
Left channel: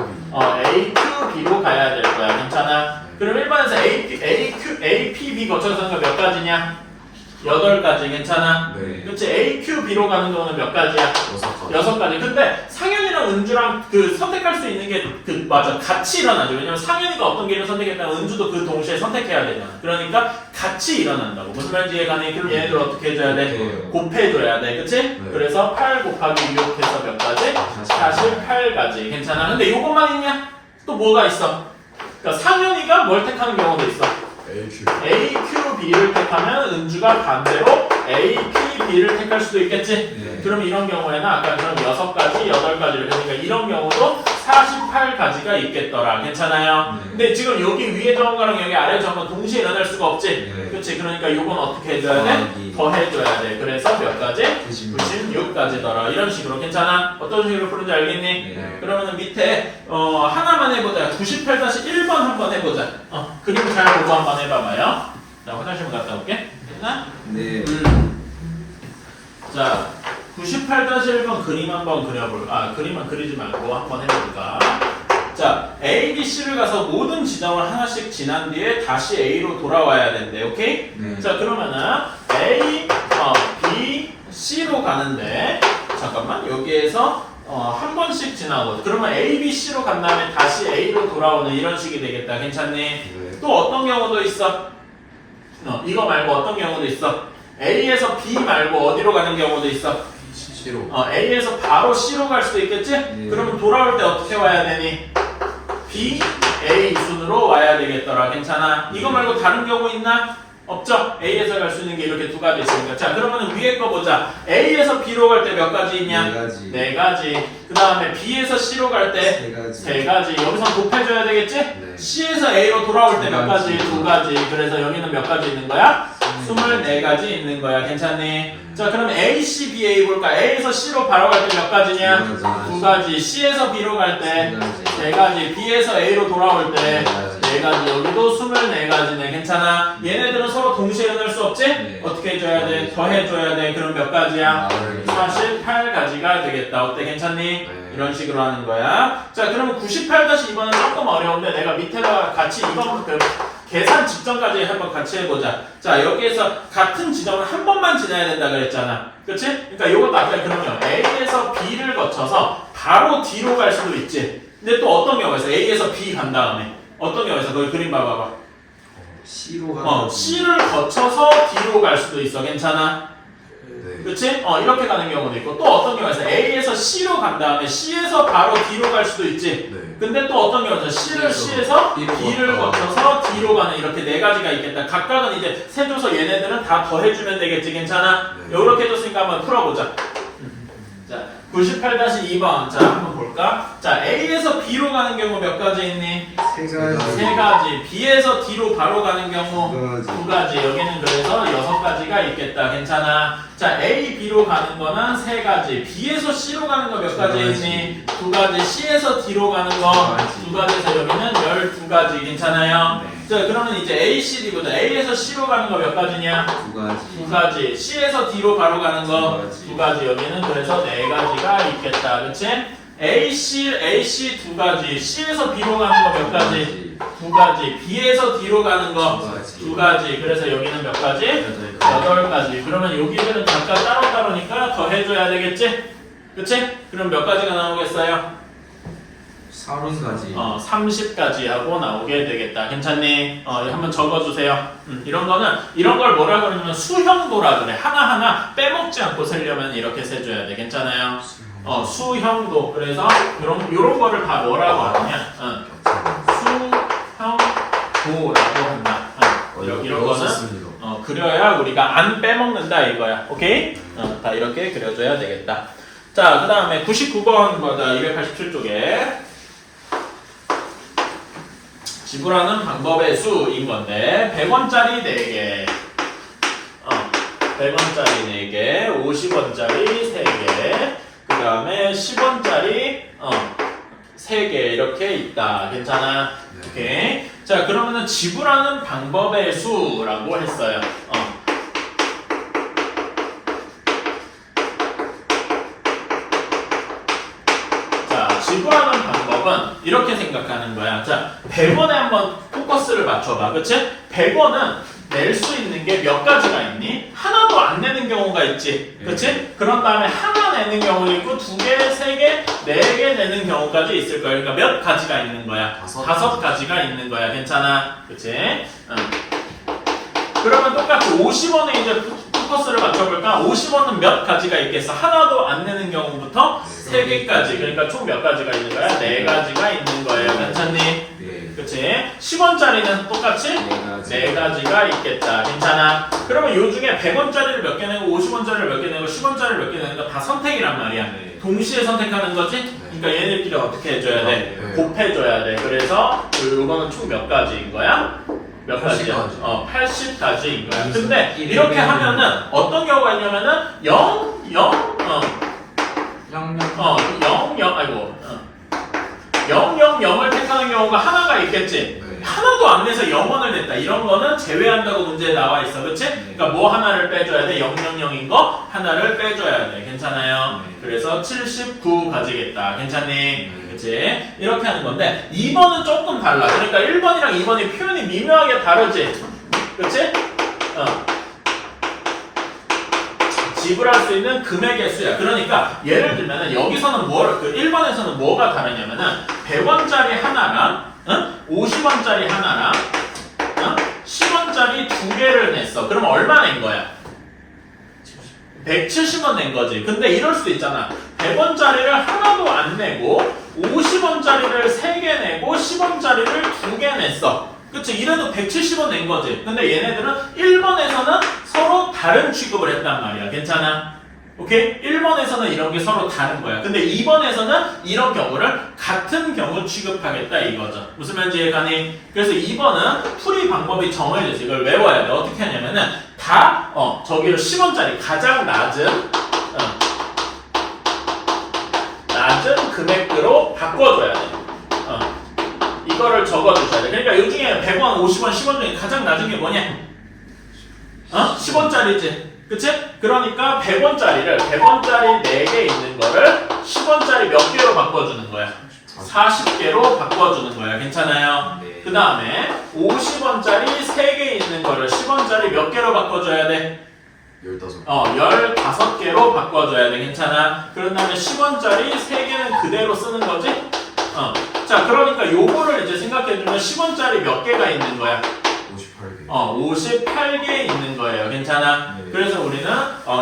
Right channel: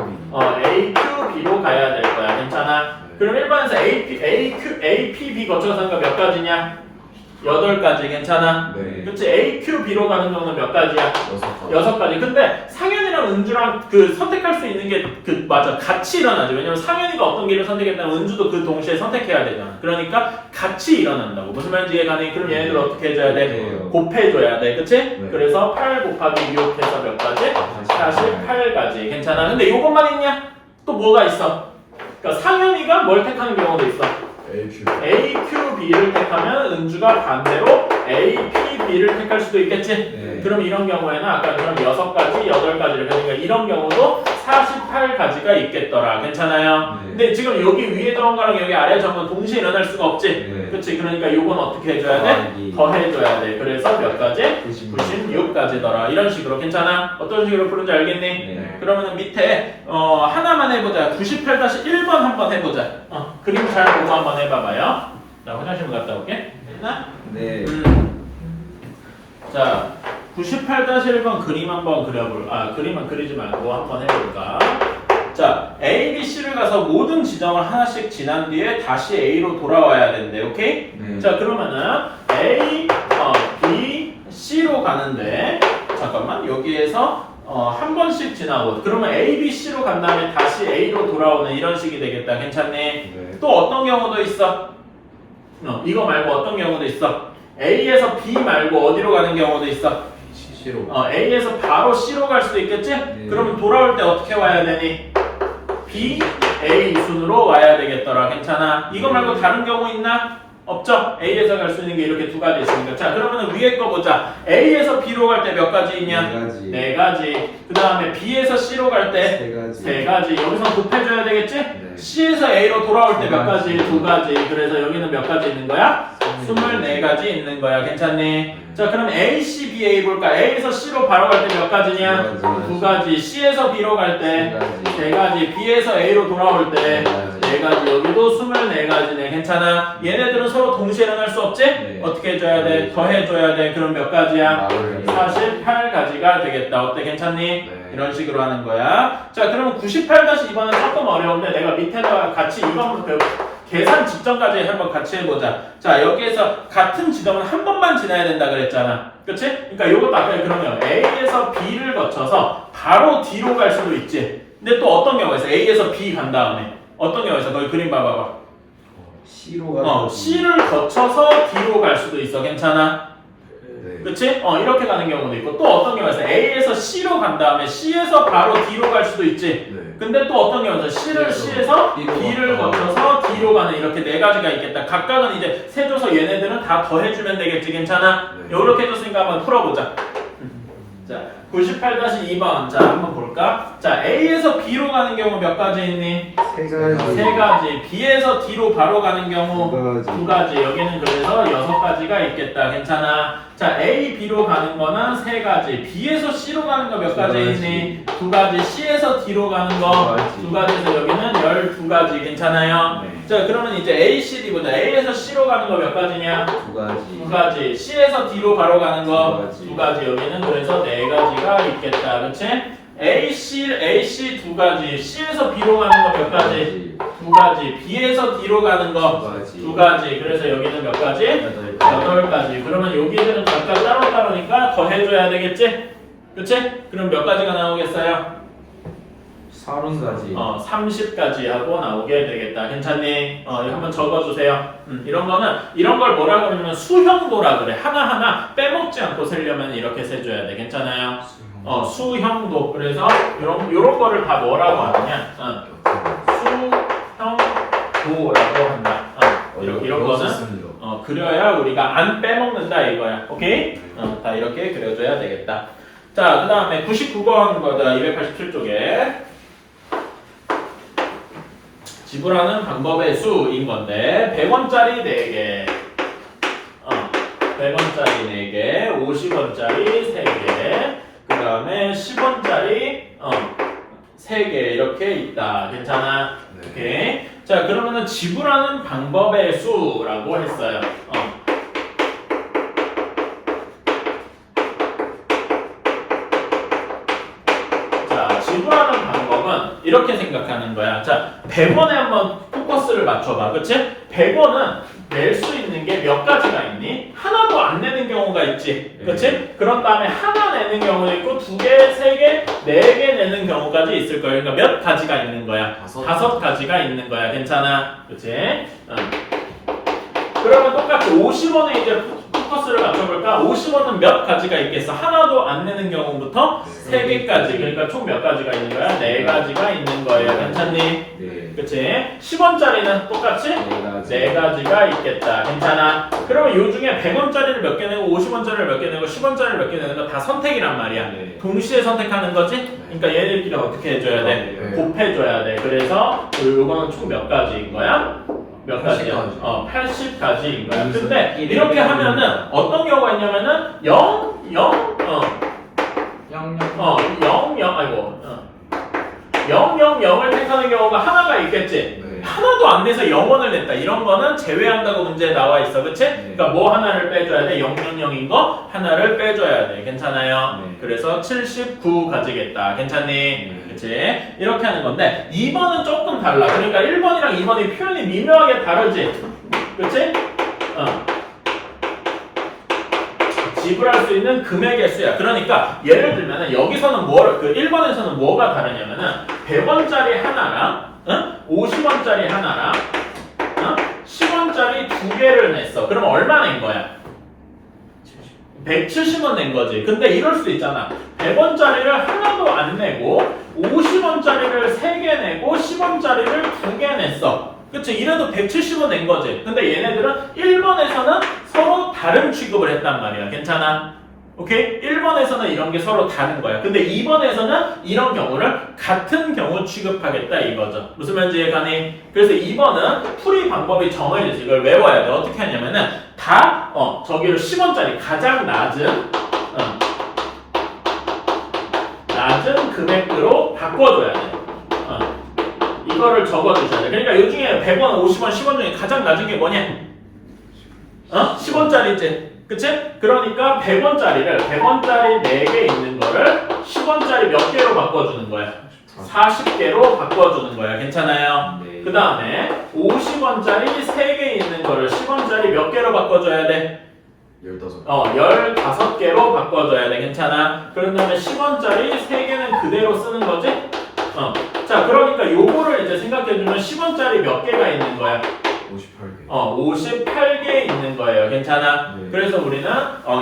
A, Q, B로 가야 될 거야. 괜찮아? 그럼 1번에서 A, P, B 거쳐서 몇 가지냐? 8가지. 괜찮아? 네. 그치? A, Q, B로 가는 경우는 몇 가지야? 6가지. 6가지. 근데 상현이랑 은주랑 선택할 수 있는 게 맞아. 같이 일어나죠. 왜냐면 상현이가 어떤 길을 선택했다면 은주도 그 동시에 선택해야 되잖아. 그러니까 같이 일어난다고. 무슨 말인지 이해가니? 그럼 얘네들 어떻게 해줘야 돼? 네. 곱해줘야 돼. 그치? 네. 그래서 8 곱하기 6 해서 몇 가지? 48가지. 괜찮아. 근데 이것만 있냐? 또 뭐가 있어? 그러니까 상현이가 뭘 택하는 경우도 있어. AQ. A, Q, B를 택하면 은주가 반대로 A, P, B를 택할 수도 있겠지? 네. 그럼 이런 경우에는 아까처럼 6가지, 8가지를 그러니까 이런 경우도 48가지가 있겠더라. 괜찮아요? 네. 근데 지금 여기 위에 정한 거랑 여기 아래 정한 건 동시에 일어날 수가 없지? 네. 그렇지? 그러니까 이건 어떻게 해줘야 돼? 더하기. 더해줘야 돼. 그래서 몇 가지? 96. 96가지더라. 이런 식으로. 괜찮아? 어떤 식으로 푸는지 알겠니? 네. 그러면은 밑에 하나만 해보자. 98-1번 한번 해보자. 그림 잘 보고 한번 해봐봐요. 자, 화장실 갔다 올게. 됐나? 네. 자, 98-1번 그림 한번 그려볼까? 그림만 그리지 말고 한번 해볼까? 자, A, B, C를 가서 모든 지점을 하나씩 지난 뒤에 다시 A로 돌아와야 된대. 오케이? 네. 자, 그러면은 A, B, C로 가는데 잠깐만 여기에서 한 번씩 지나고 그러면 A, B, C로 간 다음에 다시 A로 돌아오는 이런 식이 되겠다. 괜찮니? 네. 또 어떤 경우도 있어? 이거 말고 어떤 경우도 있어? A에서 B 말고 어디로 가는 경우도 있어? C로. A에서 바로 C로 갈 수도 있겠지? 그러면 돌아올 때 어떻게 와야 되니? B, A 순으로 와야 되겠더라. 괜찮아? 이거 말고 다른 경우 있나? 없죠? A에서 갈 수 있는 게 이렇게 2가지 있으니까. 자, 그러면 위에 거 보자. A에서 B로 갈 때 몇 가지 있냐? 4가지. 4가지. 그 다음에 B에서 C로 갈 때 3가지. 3가지. 여기서 곱해줘야 되겠지? 네. C에서 A로 돌아올 때 몇 가지? 2가지. 2가지. 그래서 여기는 몇 가지 있는 거야? 24가지 있는 거야. 괜찮니? 자, 그럼 A, C, B, A 볼까? A에서 C로 바로 갈 때 몇 가지냐? 2가지. C에서 B로 갈 때 3가지. B에서 A로 돌아올 때 4가지. 여기도 24가지네. 괜찮아? 얘네들은 서로 동시에 일어날 수 없지? 네. 어떻게 해줘야 돼? 더해줘야 돼. 그럼 몇 가지야? 48가지가 되겠다. 어때? 괜찮니? 네. 이런 식으로 하는 거야. 자, 그러면 98-2번은 조금 어려운데 내가 밑에다 같이 이번 계산 직전까지 한번 같이 해보자. 자, 여기에서 같은 지점은 한 번만 지나야 된다 그랬잖아. 그치? 그러니까 요것도 아까 그러면 A에서 B를 거쳐서 바로 D로 갈 수도 있지. 근데 또 어떤 경우가 있어? A에서 B 간 다음에 어떤 경우가 있어? 거기 그림 봐봐봐. C로 가는 C를 거쳐서 D로 갈 수도 있어. 괜찮아? 네. 그치? 이렇게 가는 경우도 있고 또 어떤 경우가 있어? A에서 C로 간 다음에 C에서 바로 D로 갈 수도 있지. 네. 근데 또 어떤 경우가 있어? C에서 B를 거쳐서 D로 가는 이렇게 4가지가 있겠다. 각각은 이제 세줘서 얘네들은 다 더해주면 되겠지. 괜찮아? 네. 요렇게 해줬으니까 한번 풀어보자. 자, 98-2번. 자, 한번 볼까? 자, A에서 B로 가는 경우 몇 가지 있니? 3가지. B에서 D로 바로 가는 경우 2가지. 여기는 그래서 6가지가 있겠다. 괜찮아? 자, A, B로 가는 거는 3가지. B에서 C로 가는 거 몇 가지 있니? 2가지. C에서 D로 가는 거 2가지에서 여기는 12가지. 괜찮아요? 네. 자, 그러면 이제 A, C, D 보자. A에서 C로 가는 거 몇 가지냐? 2가지. C에서 D로 바로 가는 거 2가지. 여기는 그래서 4가지가 있겠다. 그치? A, C 2가지. C에서 B로 가는 거 몇 가지? 2가지. B에서 D로 가는 거 2가지. 그래서 여기는 몇 가지? 8가지. 그러면 여기들은 각각 따로따로니까 더해줘야 되겠지? 그치? 그럼 몇 가지가 나오겠어요? 30가지 30까지 하고 나오게 되겠다. 괜찮니? 한번 적어주세요. 이런 걸 뭐라 그러냐면 수형도라 그래. 하나하나 빼먹지 않고 세려면 이렇게 세줘야 돼. 괜찮아요? 수형도. 그래서 요런 거를 다 뭐라고 하느냐? 수형도라고 한다. 이런 거는 그려야 우리가 안 빼먹는다 이거야. 오케이? 다 이렇게 그려줘야 되겠다. 자, 그 다음에 99번 거다. 287쪽에 지불하는 방법의 수인 건데 100원짜리 4개 100원짜리 4개 50원짜리 3개 그 다음에 10원짜리 3개 이렇게 있다. 괜찮아? 네. 오케이. 자, 그러면은 지불하는 방법의 수라고 했어요. 자, 지불하는 방법은 이렇게 생각하는 거야. 자, 100원에 한번 포커스를 맞춰봐. 그치? 100원은 낼 수 있는 게 몇 가지가 있니? 하나도 안 내는 경우가 있지. 그치? 그런 다음에 하나 내는 경우도 있고 2개, 3개, 4개 내는 경우까지 있을 거야. 그러니까 몇 가지가 있는 거야? 5가지가 있는 거야. 괜찮아? 그치? 그러면 똑같이 50원에 이제 포커스를 맞춰볼까? 50원은 몇 가지가 있겠어? 하나도 안 내는 경우부터 3개까지. 그러니까 총 몇 가지가 있는 거야? 4가지가 있는 거예요. 괜찮니? 네. 그치? 10원짜리는 똑같이 4가지가 있겠다. 괜찮아? 그러면 요 중에 100원짜리를 몇 개 내고 50원짜리를 몇 개 내고 10원짜리를 몇 개 내는 거 다 선택이란 말이야. 네. 동시에 선택하는 거지? 그러니까 얘네들끼리 어떻게 해줘야 돼? 네. 곱해줘야 돼. 그래서 요거는 총 몇 가지인 거야? 몇 가지야? 80가지인 거야. 근데 이렇게 하면은 어떤 경우가 있냐면은 0, 0을 택하는 경우가 하나가 있겠지. 네. 하나도 안 돼서 0원을 냈다. 이런 거는 제외한다고 문제에 나와 있어. 그치? 그러니까 뭐 하나를 빼줘야 돼? 000인 거 하나를 빼줘야 돼. 괜찮아요? 네. 그래서 79가지겠다. 괜찮니? 그치? 이렇게 하는 건데 2번은 조금 달라. 그러니까 1번이랑 2번이 표현이 미묘하게 다르지? 그치? 지불할 수 있는 금액의 수야. 그러니까 예를 들면 여기서는 1번에서는 뭐가 다르냐면은 100원짜리 하나랑 50원짜리 하나랑 10원짜리 2개를 냈어. 그럼 얼마 낸 거야? 170원 낸 거지. 근데 이럴 수도 있잖아. 100원짜리를 하나도 안 내고 50원짜리를 3개 내고 10원짜리를 2개 냈어. 그치? 이래도 170원 낸 거지. 근데 얘네들은 1번에서는 서로 다른 취급을 했단 말이야. 괜찮아? 오케이? 1번에서는 이런 게 서로 다른 거야. 근데 2번에서는 이런 경우를 같은 경우 취급하겠다 이거죠. 무슨 말인지 이해가니? 그래서 2번은 풀이 방법이 정해져서 이걸 외워야 돼. 어떻게 하냐면은 다 저기로 10원짜리 가장 낮은 낮은 금액으로 바꿔줘야 돼. 이거를 적어주셔야 돼. 그러니까 이 중에 100원, 50원, 10원 중에 가장 낮은 게 뭐냐? 10원짜리지. 그치? 그러니까 100원짜리 4개 있는 거를 10원짜리 몇 개로 바꿔주는 거야? 40개로 바꿔주는 거야. 괜찮아요? 네. 그 다음에 50원짜리 3개 있는 거를 10원짜리 몇 개로 바꿔줘야 돼? 15. 15개로 바꿔줘야 돼. 괜찮아? 그런 다음에 10원짜리 3개는 그대로 쓰는 거지? 자, 그러니까 요거를 이제 생각해주면 10원짜리 몇 개가 있는 거야? 58개. 58개 있는 거예요. 괜찮아? 네. 그래서 우리는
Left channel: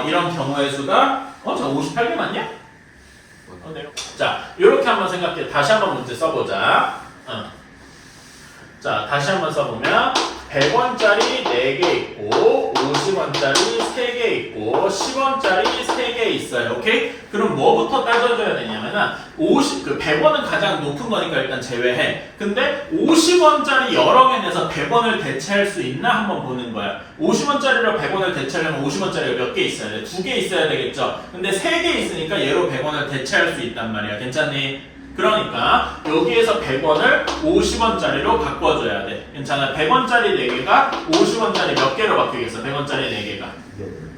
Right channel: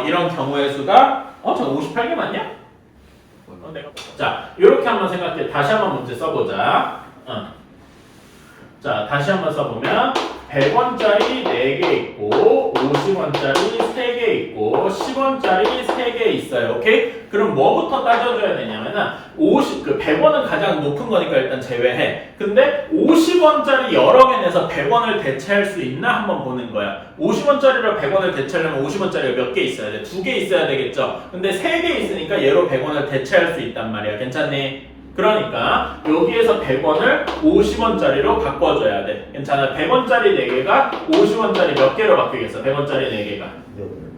이런 경우의 수가 저 58개 맞냐? 자, 이렇게 한번 생각해. 다시 한번 문제 써보자. 자, 다시 한번 써보면 100원짜리 4개 있고 50원짜리 3개 있고 10원짜리 3개 있어요. 오케이? 그럼 뭐부터 따져줘야 되냐면은 100원은 가장 높은 거니까 일단 제외해. 근데 50원짜리 여러 개 내서 100원을 대체할 수 있나 한번 보는 거야. 50원짜리로 100원을 대체하려면 50원짜리가 몇 개 있어야 돼? 2개 있어야 되겠죠? 근데 3개 있으니까 얘로 100원을 대체할 수 있단 말이야. 괜찮니? 그러니까 여기에서 100원을 50원짜리로 바꿔줘야 돼. 괜찮아? 100원짜리 4개가 50원짜리 몇 개로 바뀌겠어? 100원짜리 4개가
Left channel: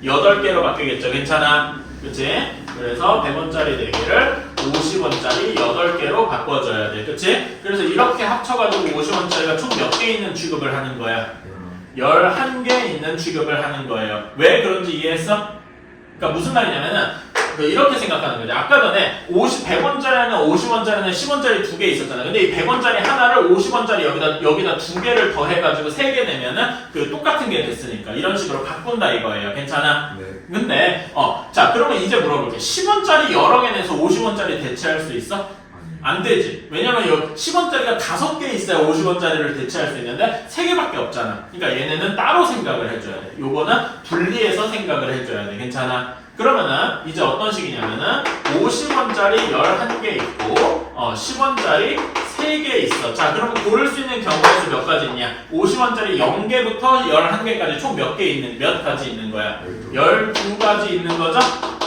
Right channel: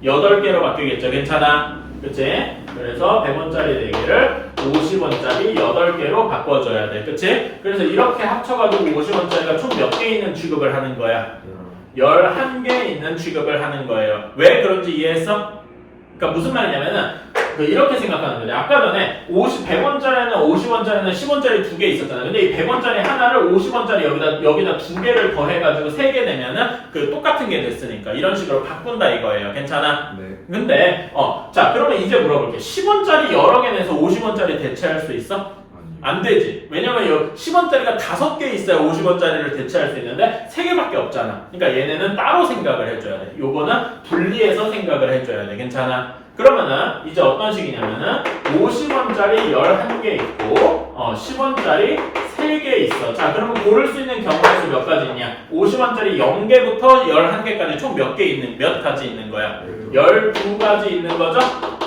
8개로 바뀌겠죠? 괜찮아? 그치? 그래서 100원짜리 4개를 50원짜리 8개로 바꿔줘야 돼. 그치? 그래서 이렇게 합쳐가지고 50원짜리가 총 몇 개 있는 취급을 하는 거야? 11개 있는 취급을 하는 거예요. 왜 그런지 이해했어? 그러니까 무슨 말이냐면은 이렇게 생각하는 거죠. 아까 전에 100원짜리는 50원짜리는 10원짜리 2개 있었잖아요. 근데 이 100원짜리 하나를 50원짜리 여기다 2개를 더해가지고 3개 내면은 똑같은 게 됐으니까 이런 식으로 바꾼다 이거예요. 괜찮아? 네. 근데 자 그러면 이제 물어볼게. 10원짜리 여러 개 내서 50원짜리 대체할 수 있어? 안 되지. 왜냐면 여기 10원짜리가 5개 있어야 50원짜리를 대체할 수 있는데 3개밖에 없잖아. 그러니까 얘네는 따로 생각을 해줘야 돼. 요거는 분리해서 생각을 해줘야 돼. 괜찮아? 그러면은 이제 어떤 식이냐면은 50원짜리 11개 있고 10원짜리 3개 있어. 자 그러면 고를 수 있는 경우의 수 몇 가지 있냐? 50원짜리 0개부터 11개까지 총 몇 가지 있는 거야? 12가지 있는 거죠?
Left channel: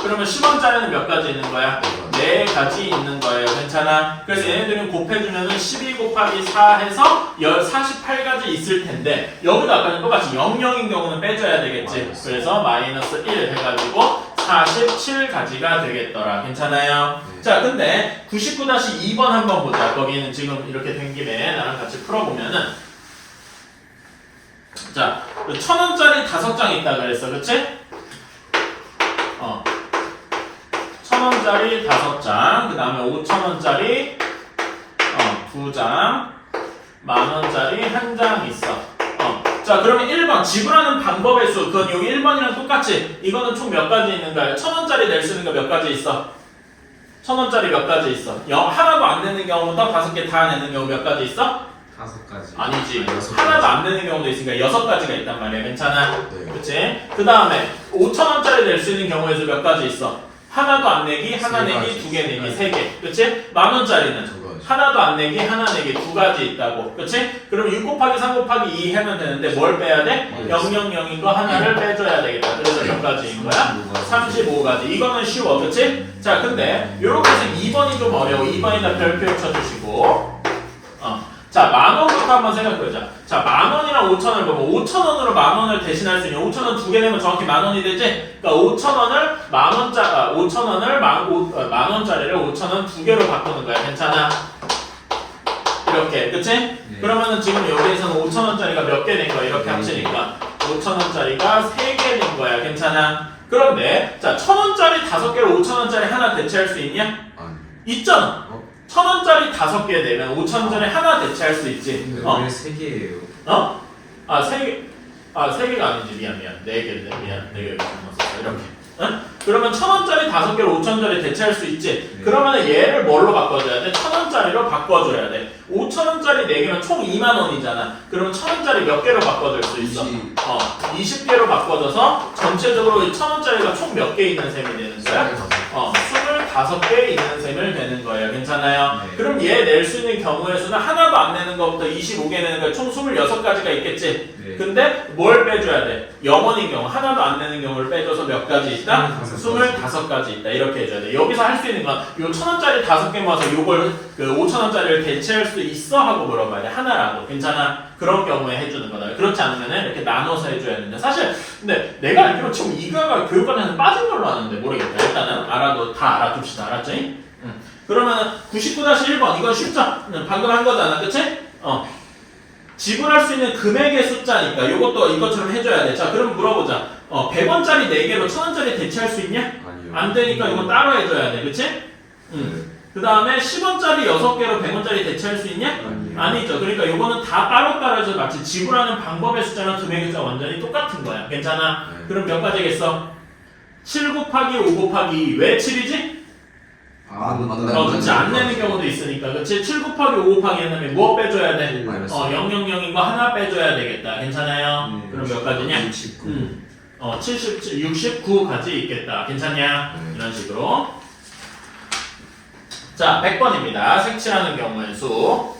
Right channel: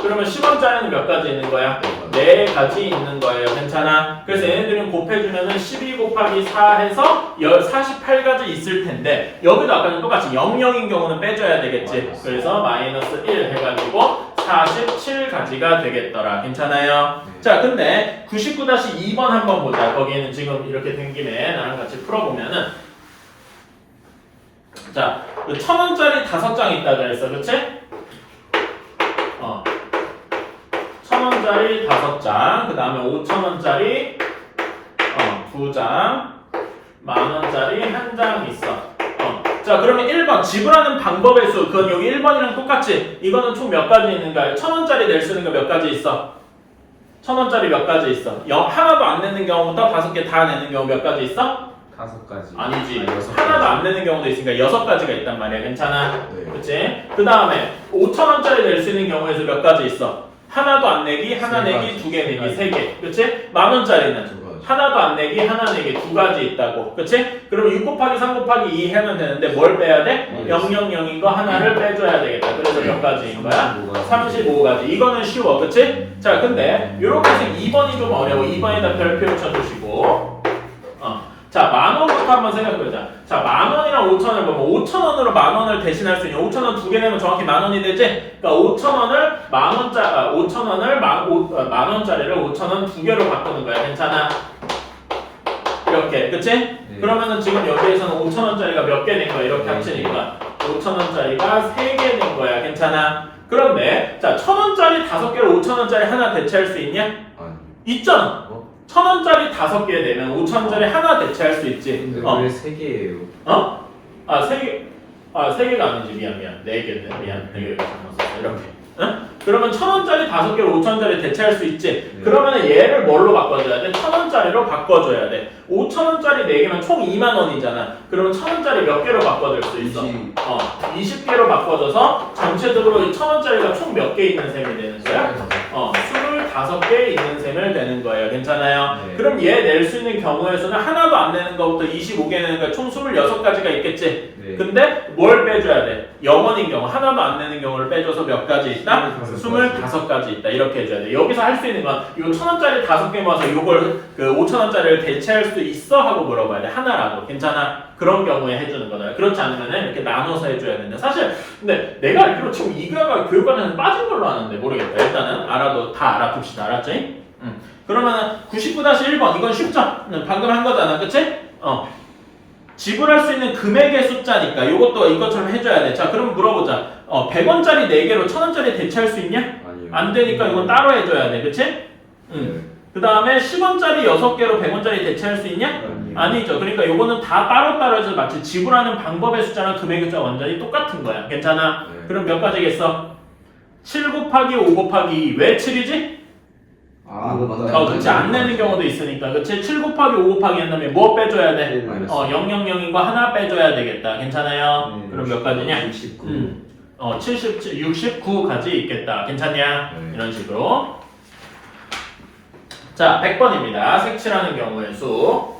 그러면 10원짜리는 몇 가지 있는 거야? 4가지 있는 거예요. 괜찮아? 그래서 얘네들은 곱해주면은 12 곱하기 4 해서 48가지 있을 텐데 여기도 아까는 똑같이 00인 경우는 빼줘야 되겠지. 그래서 마이너스 1 해가지고 47가지가 되겠더라. 괜찮아요? 자, 근데 99-2번 한번 보자. 거기는 지금 이렇게 된 김에 나랑 같이 풀어보면은 자, 1000원짜리 5장 있다 그랬어. 그치? 1000원짜리 5장, 그 다음에 5000원짜리 2장, 만원짜리 1장 있어. 자, 그러면 1번 지불하는 방법의 수, 그건 여기 1번이랑 똑같지? 이거는 총 몇 가지 있는가요? 1000원짜리 낼 수 있는 거 몇 가지 있어? 1000원짜리 몇 가지 있어? 하나도 안 내는 경우부터 5개 다 내는 경우 몇 가지 있어? 5가지. 아니지. 여섯 하나도 가지. 안 내는 경우도 있으니까 6가지가 있단 말이야. 괜찮아? 네. 그치? 그 다음에 5000원짜리 낼 수 있는 경우에서 몇 가지 있어? 하나도 안 내기, 하나 세 내기, 가지. 2개 내기, 세 3개. 그치? 만원짜리는 2가지. 하나도 안 내기, 하나 내기, 2가지 있다고. 그치? 그럼 6 곱하기 3 곱하기 2 하면 되는데 뭘 빼야 돼? 000인 거 하나를 빼줘야 되겠다. 그래서 몇 가지인 거야? 35가지. 이거는 쉬워. 그치? 자, 근데 요렇게 해서 2번이 좀 어려워. 2번에다 별표 쳐주시고 자, 만원부터 한번 생각해보자. 자, 만원이랑 5천원을 보면 5천원으로 만원을 대신할 수 있냐? 5천원 2개 내면 정확히 만원이 되지? 그러니까 5천원을 만원짜리를 5천원 2개로 바꾸는 거야. 괜찮아? 이렇게, 그치? 네. 그러면은 지금 여기에서는 5천원짜리가 몇 개 된 거야? 이렇게 합치니까 5천원짜리가 3개 된 거야. 괜찮아? 그런데 자, 1000원짜리 5개로 5천원짜리 하나 대체할 수 있냐? 아니. 있잖아. 1000원짜리 5개 내면 5천원짜리 하나 대체할 수 있지. 근데 왜 3개예요? 3개. 3개가 아니지. 미안. 4개인데. 미안. 4개 잘못 썼어. 이렇게. 응? 그러면 1000원짜리 5개로 5천원짜리 대체할 수 있지. 그러면은 얘를 뭘로 바꿔줘야 돼? 1000원짜리로 바꿔줘야 돼. 5천원짜리 4개면 총 2만원이잖아. 그러면 1000원짜리 몇 개로 바꿔줄 수 있어? 20개로 바꿔줘서 전체적으로 1000원짜리가 총 몇 개 있는 셈이 되는 거야? 5개 있는 셈을 되는 거예요. 괜찮아요? 네. 그럼 얘 낼 수 있는 경우에서는 하나도 안 내는 것부터 25개 내는 거야. 총 26가지가 있겠지? 네. 근데 뭘 빼줘야 돼? 0원인 경우, 하나도 안 내는 경우를 빼줘서 몇 가지 있다? 25가지 있다. 이렇게 해줘야 돼. 여기서 할 수 있는 건 요 1,000원짜리 5개 모아서 요걸 그 5,000원짜리를 대체할 수 있어? 하고 물어봐야 돼. 하나라도. 괜찮아? 그런 경우에 해주는 거다. 그렇지 않으면 이렇게 나눠서 해줘야 된다. 사실 근데 내가 알기로 지금 이거가 교육과정에서 빠진 걸로 아는데 모르겠다. 일단은 알아도 다 알아둡시다. 알았지? 그러면은 99-1번 이건 쉽죠? 방금 한 거잖아. 그치? 지불할 수 있는 금액의 숫자니까 이것도 이것처럼 해줘야 돼. 자, 그럼 물어보자. 100원짜리 4개로 1000원짜리 대체할 수 있냐? 아니요. 안 되니까 이건 따로 해줘야 돼. 그치? 그 다음에 10원짜리 6개로 100원짜리 대체할 수 있냐? 아니요. 아니죠. 그러니까 이거는 다 따로따로 해서 마치 지불하는 방법의 숫자랑 금액의 숫자가 완전히 똑같은 거야. 괜찮아? 네. 그럼 몇 가지겠어? 7 곱하기 5 곱하기 2. 왜 7이지? 그치. 안 내는 경우도 있으니까. 그치? 7 곱하기 5 곱하기 한 다음에 뭐 빼줘야 돼? 마이너스. 000인 거 하나 빼줘야 되겠다. 괜찮아요? 그럼 몇 가지냐? 69. 69가지 있겠다. 괜찮냐? 네. 이런 식으로. 자, 100번입니다. 색칠하는 경우의 수.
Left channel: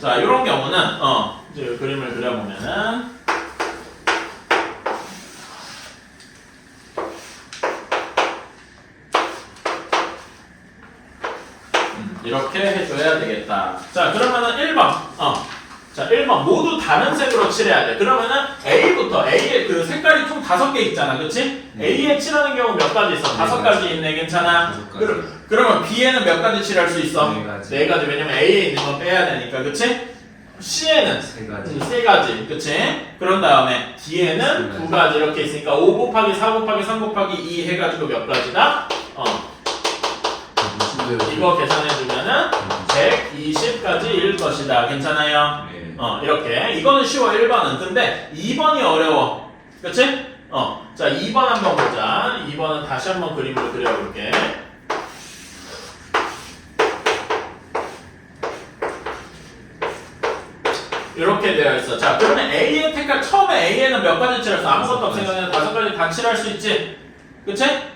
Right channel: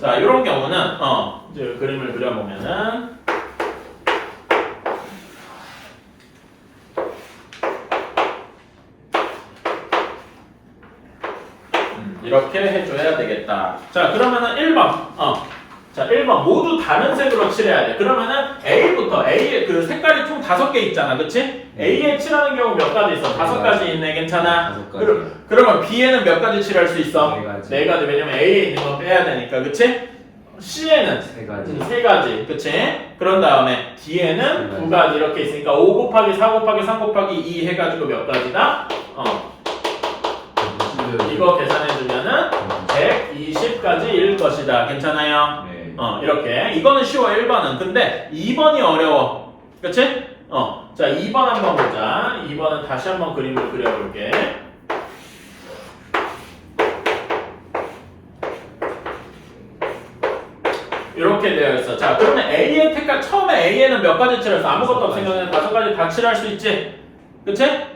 자, 이런 경우는 이제 그림을 그려보면은 이렇게 해줘야 되겠다. 자, 그러면은 1번. 자, 1번 모두 다른 색으로 칠해야 돼. 그러면은 A부터 A의 그 색깔이 총 5개 있잖아. 그치? A에 칠하는 경우 몇 가지 있어? 5가지 있네. 괜찮아? 5가지. 그러면 B에는 몇 가지 칠할 수 있어? 4가지. 4가지. 왜냐면 A에 있는 건 빼야 되니까. 그치? C에는 3가지. 3가지. 그치? 그런 다음에 D에는 2가지 이렇게 있으니까 5 곱하기 4 곱하기 3 곱하기 2 해가지고 몇 가지다? 이거 계산해주면은 120가지일 것이다. 괜찮아요? 네. 이렇게. 이거는 쉬워, 1번은. 근데 2번이 어려워. 그치? 자, 2번 한번 보자. 2번은 다시 한번 그림을 그려볼게. 이렇게 되어 있어. 자, 그러면 A의 색깔, 처음에 A에는 몇 가지 칠했어? 아무것도 없으니까 5가지 다 칠할 수 있지? 그치?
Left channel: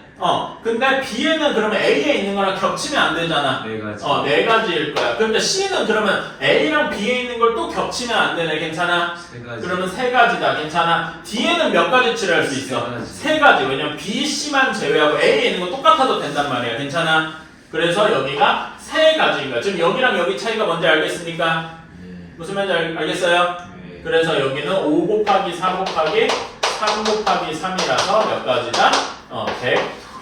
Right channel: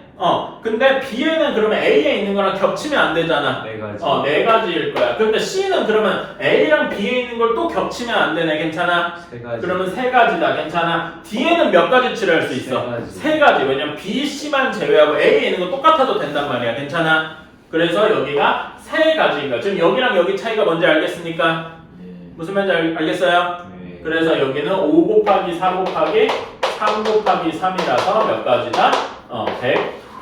근데 B에는 그러면 A에 있는 거랑 겹치면 안 되잖아. 4가지. 4가지일 거야. 근데 C는 그러면 A랑 B에 있는 걸 또 겹치면 안 되네. 괜찮아? 3가지. 그러면 3가지다. 괜찮아? D에는 몇 가지 칠할 수 있어? 3가지. 왜냐면 B, C만 제외하고 A에 있는 건 똑같아도 된단 말이야. 괜찮아? 그래서 여기가 3가지가. 지금 여기랑 여기 차이가 뭔지 알겠습니까? 무슨 말인지 알겠어요? 네. 그래서 여기는 5 곱하기 4 곱하기 3 곱하기 3이라서 몇 가지다?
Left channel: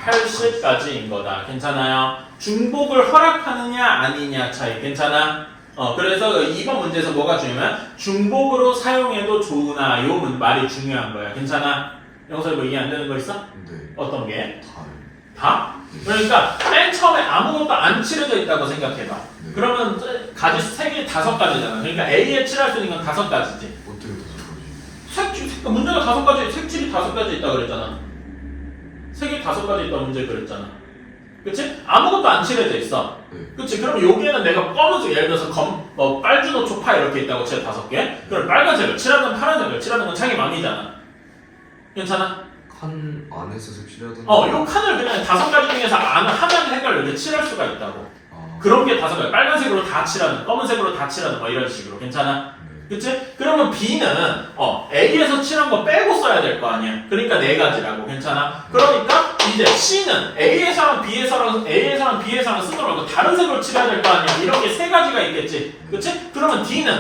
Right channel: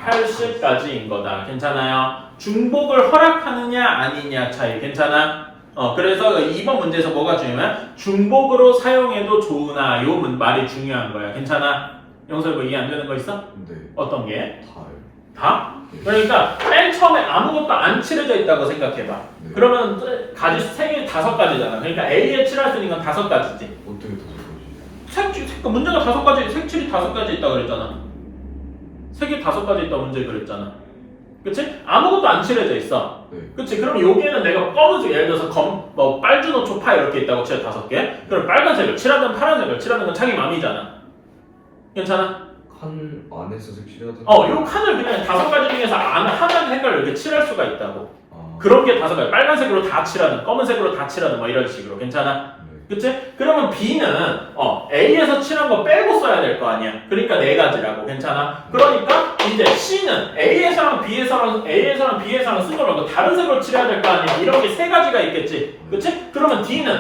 180가지인 거다. 괜찮아요? 중복을 허락하느냐 아니냐 차이. 괜찮아? 그래서 2번 문제에서 뭐가 중요하면 중복으로 사용해도 좋으나 요 말이 중요한 거야. 괜찮아? 영서 뭐 이해 안 되는 거 있어? 네. 어떤 게? 다요. 다? 그러니까 맨 처음에 아무것도 안 칠해져 있다고 생각해봐. 네. 그러면 가지 3개 5가지잖아. 그러니까 A에 칠할 수 있는 건 5가지지. 어떻게 더 색칠, 문제가 5가지, 색칠이 5가지 있다 그랬잖아. 색이 5가지 있다 문제 그랬잖아. 그치? 아무것도 안 칠해져 있어. 네. 그치? 그럼 여기에는 내가 검은색, 예를 들어서 빨주노 초파 이렇게 있다고 칠 5개. 그럼 빨간색을 칠하든 파란색을 칠하든 건 자기 맘이잖아. 괜찮아? 칸 안에서 색칠해야 되는 요 칸을 그냥 5가지 중에서 하나의 색깔을 이렇게 칠할 수가 있다고. 아, 그런 게 5가지. 빨간색으로 다 칠하든, 검은색으로 다 칠하든, 막 이런 식으로. 괜찮아? 네. 그치? 그러면 B는 A에서 칠한 거 빼고 써야 될 거 아니야. 그러니까 4가지라고. 괜찮아? 그러니까 이제 C는 A에서랑 B에서랑 쓴 거 말고 다른 색으로 칠해야 될 거 아니야. 이런 게 3가지가 있겠지. 그치? 그러면 D는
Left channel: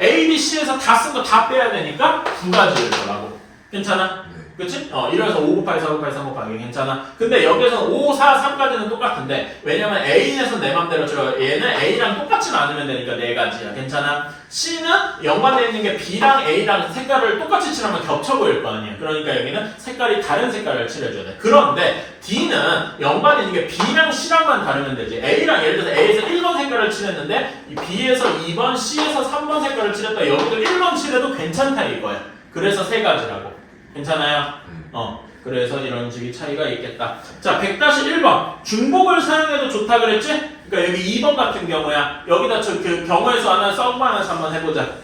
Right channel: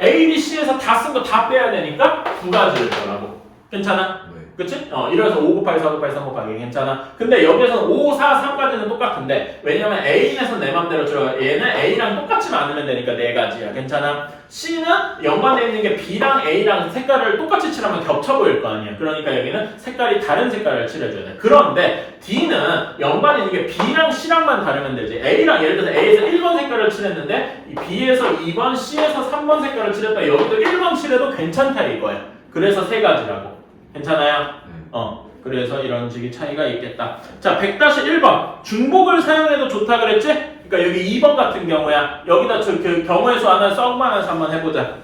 A, B, C에서 다 쓴 거 다 빼야 되니까 2가지일 거라고. 괜찮아? 네. 그치? 이래서 5 곱하기 4 곱하기 3 곱하기 괜찮아? 근데 여기서는 5, 4, 3까지는 똑같은데 왜냐면 A에서는 내 맘대로 줘. 얘는 A랑 똑같지만 않으면 되니까 4가지야. 괜찮아? C는 연관되어 있는 게 B랑 A랑 색깔을 똑같이 칠하면 겹쳐 보일 거 아니야. 그러니까 여기는 색깔이 다른 색깔을 칠해줘야 돼. 그런데 D는 연관이 있는 게 B랑 C랑만 다르면 되지. A랑 예를 들어서 A에서 1번 색깔을 칠했는데 이 B에서 2번, C에서 3번 색깔을 칠했다. 여기도 1번 칠해도 괜찮다 이거야. 그래서 3가지라고. 괜찮아요? 그래서 이런 식의 차이가 있겠다. 자, 100-1번. 중복을 사용해도 좋다 그랬지? 그러니까 여기 2번 같은 경우야. 여기다 그 경우의 수 하나 썩만해서 한번 해보자.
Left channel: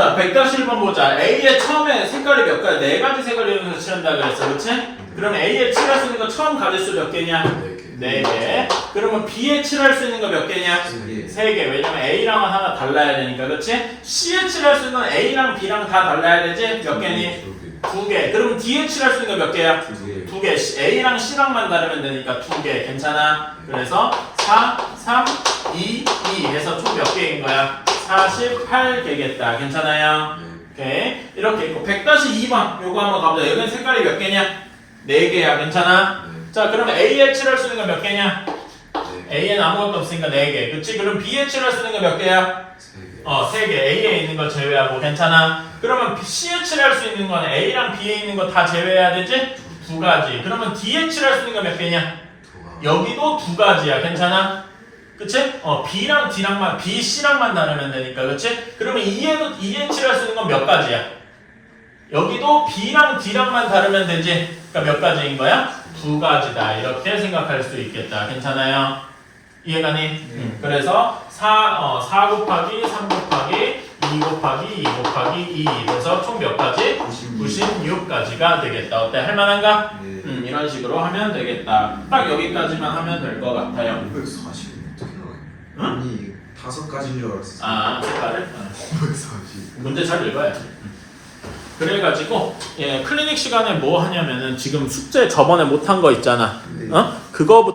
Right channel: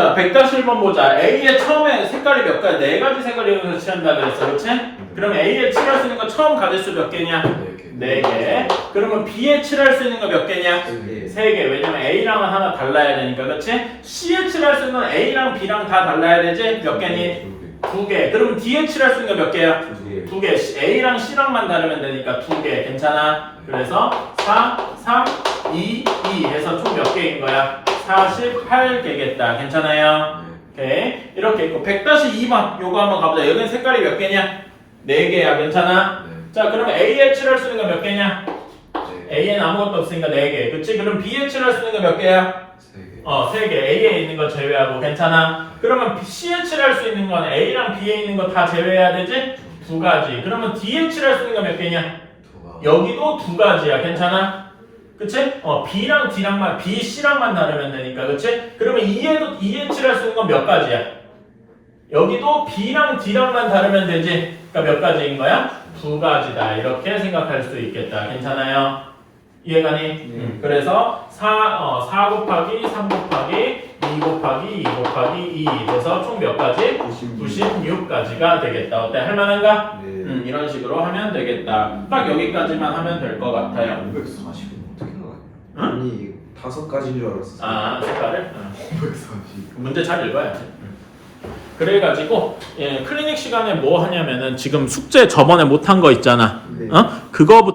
자, 100-1번 보자. A의 처음에 색깔이 몇 가지? 4가지 색을 이용해서 칠한다 그랬어. 그렇지? 그럼 A에 칠할 수 있는 거 처음 가질 수 몇 개냐? 4개. 그러면 B에 칠할 수 있는 거 몇 개냐? 3개. 왜냐면 A랑은 하나 달라야 되니까. 그렇지? C에 칠할 수 있는 건 A랑 B랑 다 달라야 되지? 몇 개니? 2개. 그러면 D에 칠할 수 있는 거 몇 개야? 2개. A랑 C랑만 다르면 되니까 2개. 괜찮아? 그래서 4, 3, 2, 2 해서 총 몇 개인 거야? 48개겠다. 괜찮아요? 오케이. 이렇게 있고 100-2번 요거 한번 가보자. 여기는 색깔이 몇 개냐? 4개야. 괜찮아? 자, 그럼 A에 칠할 수 있는 거 몇 개냐? A에는 아무것도 없으니까 4개. 그치? 그럼 B에 칠할 수 있는 거 몇 개야? 3개. A에 있는 거 제외하고. 괜찮아? 그러면 C에 칠할 수 있는 건 A랑 B에 있는 거 다 제외해야 되지? 2가지. 그러면 D에 칠할 수 있는 거 몇 개냐? 여기도 2가지야. 괜찮아? 그치? B랑 D랑만, B, C랑만 다르면 되니까. 그치? 그러면 E에 칠할 수 있는 건 몇 가지야? 여기도 B랑 D랑만 다르면 되지? 그러니까 몇 가지인 거야? 2가지다. 이렇게 생각할 수 있겠다. 괜찮아요? 이해가니? 그래서 4 곱하기 3 곱하기 2 곱하기 2 곱하기 2 그래서 총 몇 가지? 96가지가 되겠다. 어때? 할만한가? 이런 식으로 하면 되겠다. 딱 여기까지만 하면 될 것 같아요. 540은 어떻게 나와요? 응? 아니 5가지인 줄 알았어. 아, 색깔을? 540. 문제 잘 읽어야지. 그래가지고 클리닉 시간에 뭐 하냐면은 지금 숙제 저번에 못한 거 있잖아. 그거부터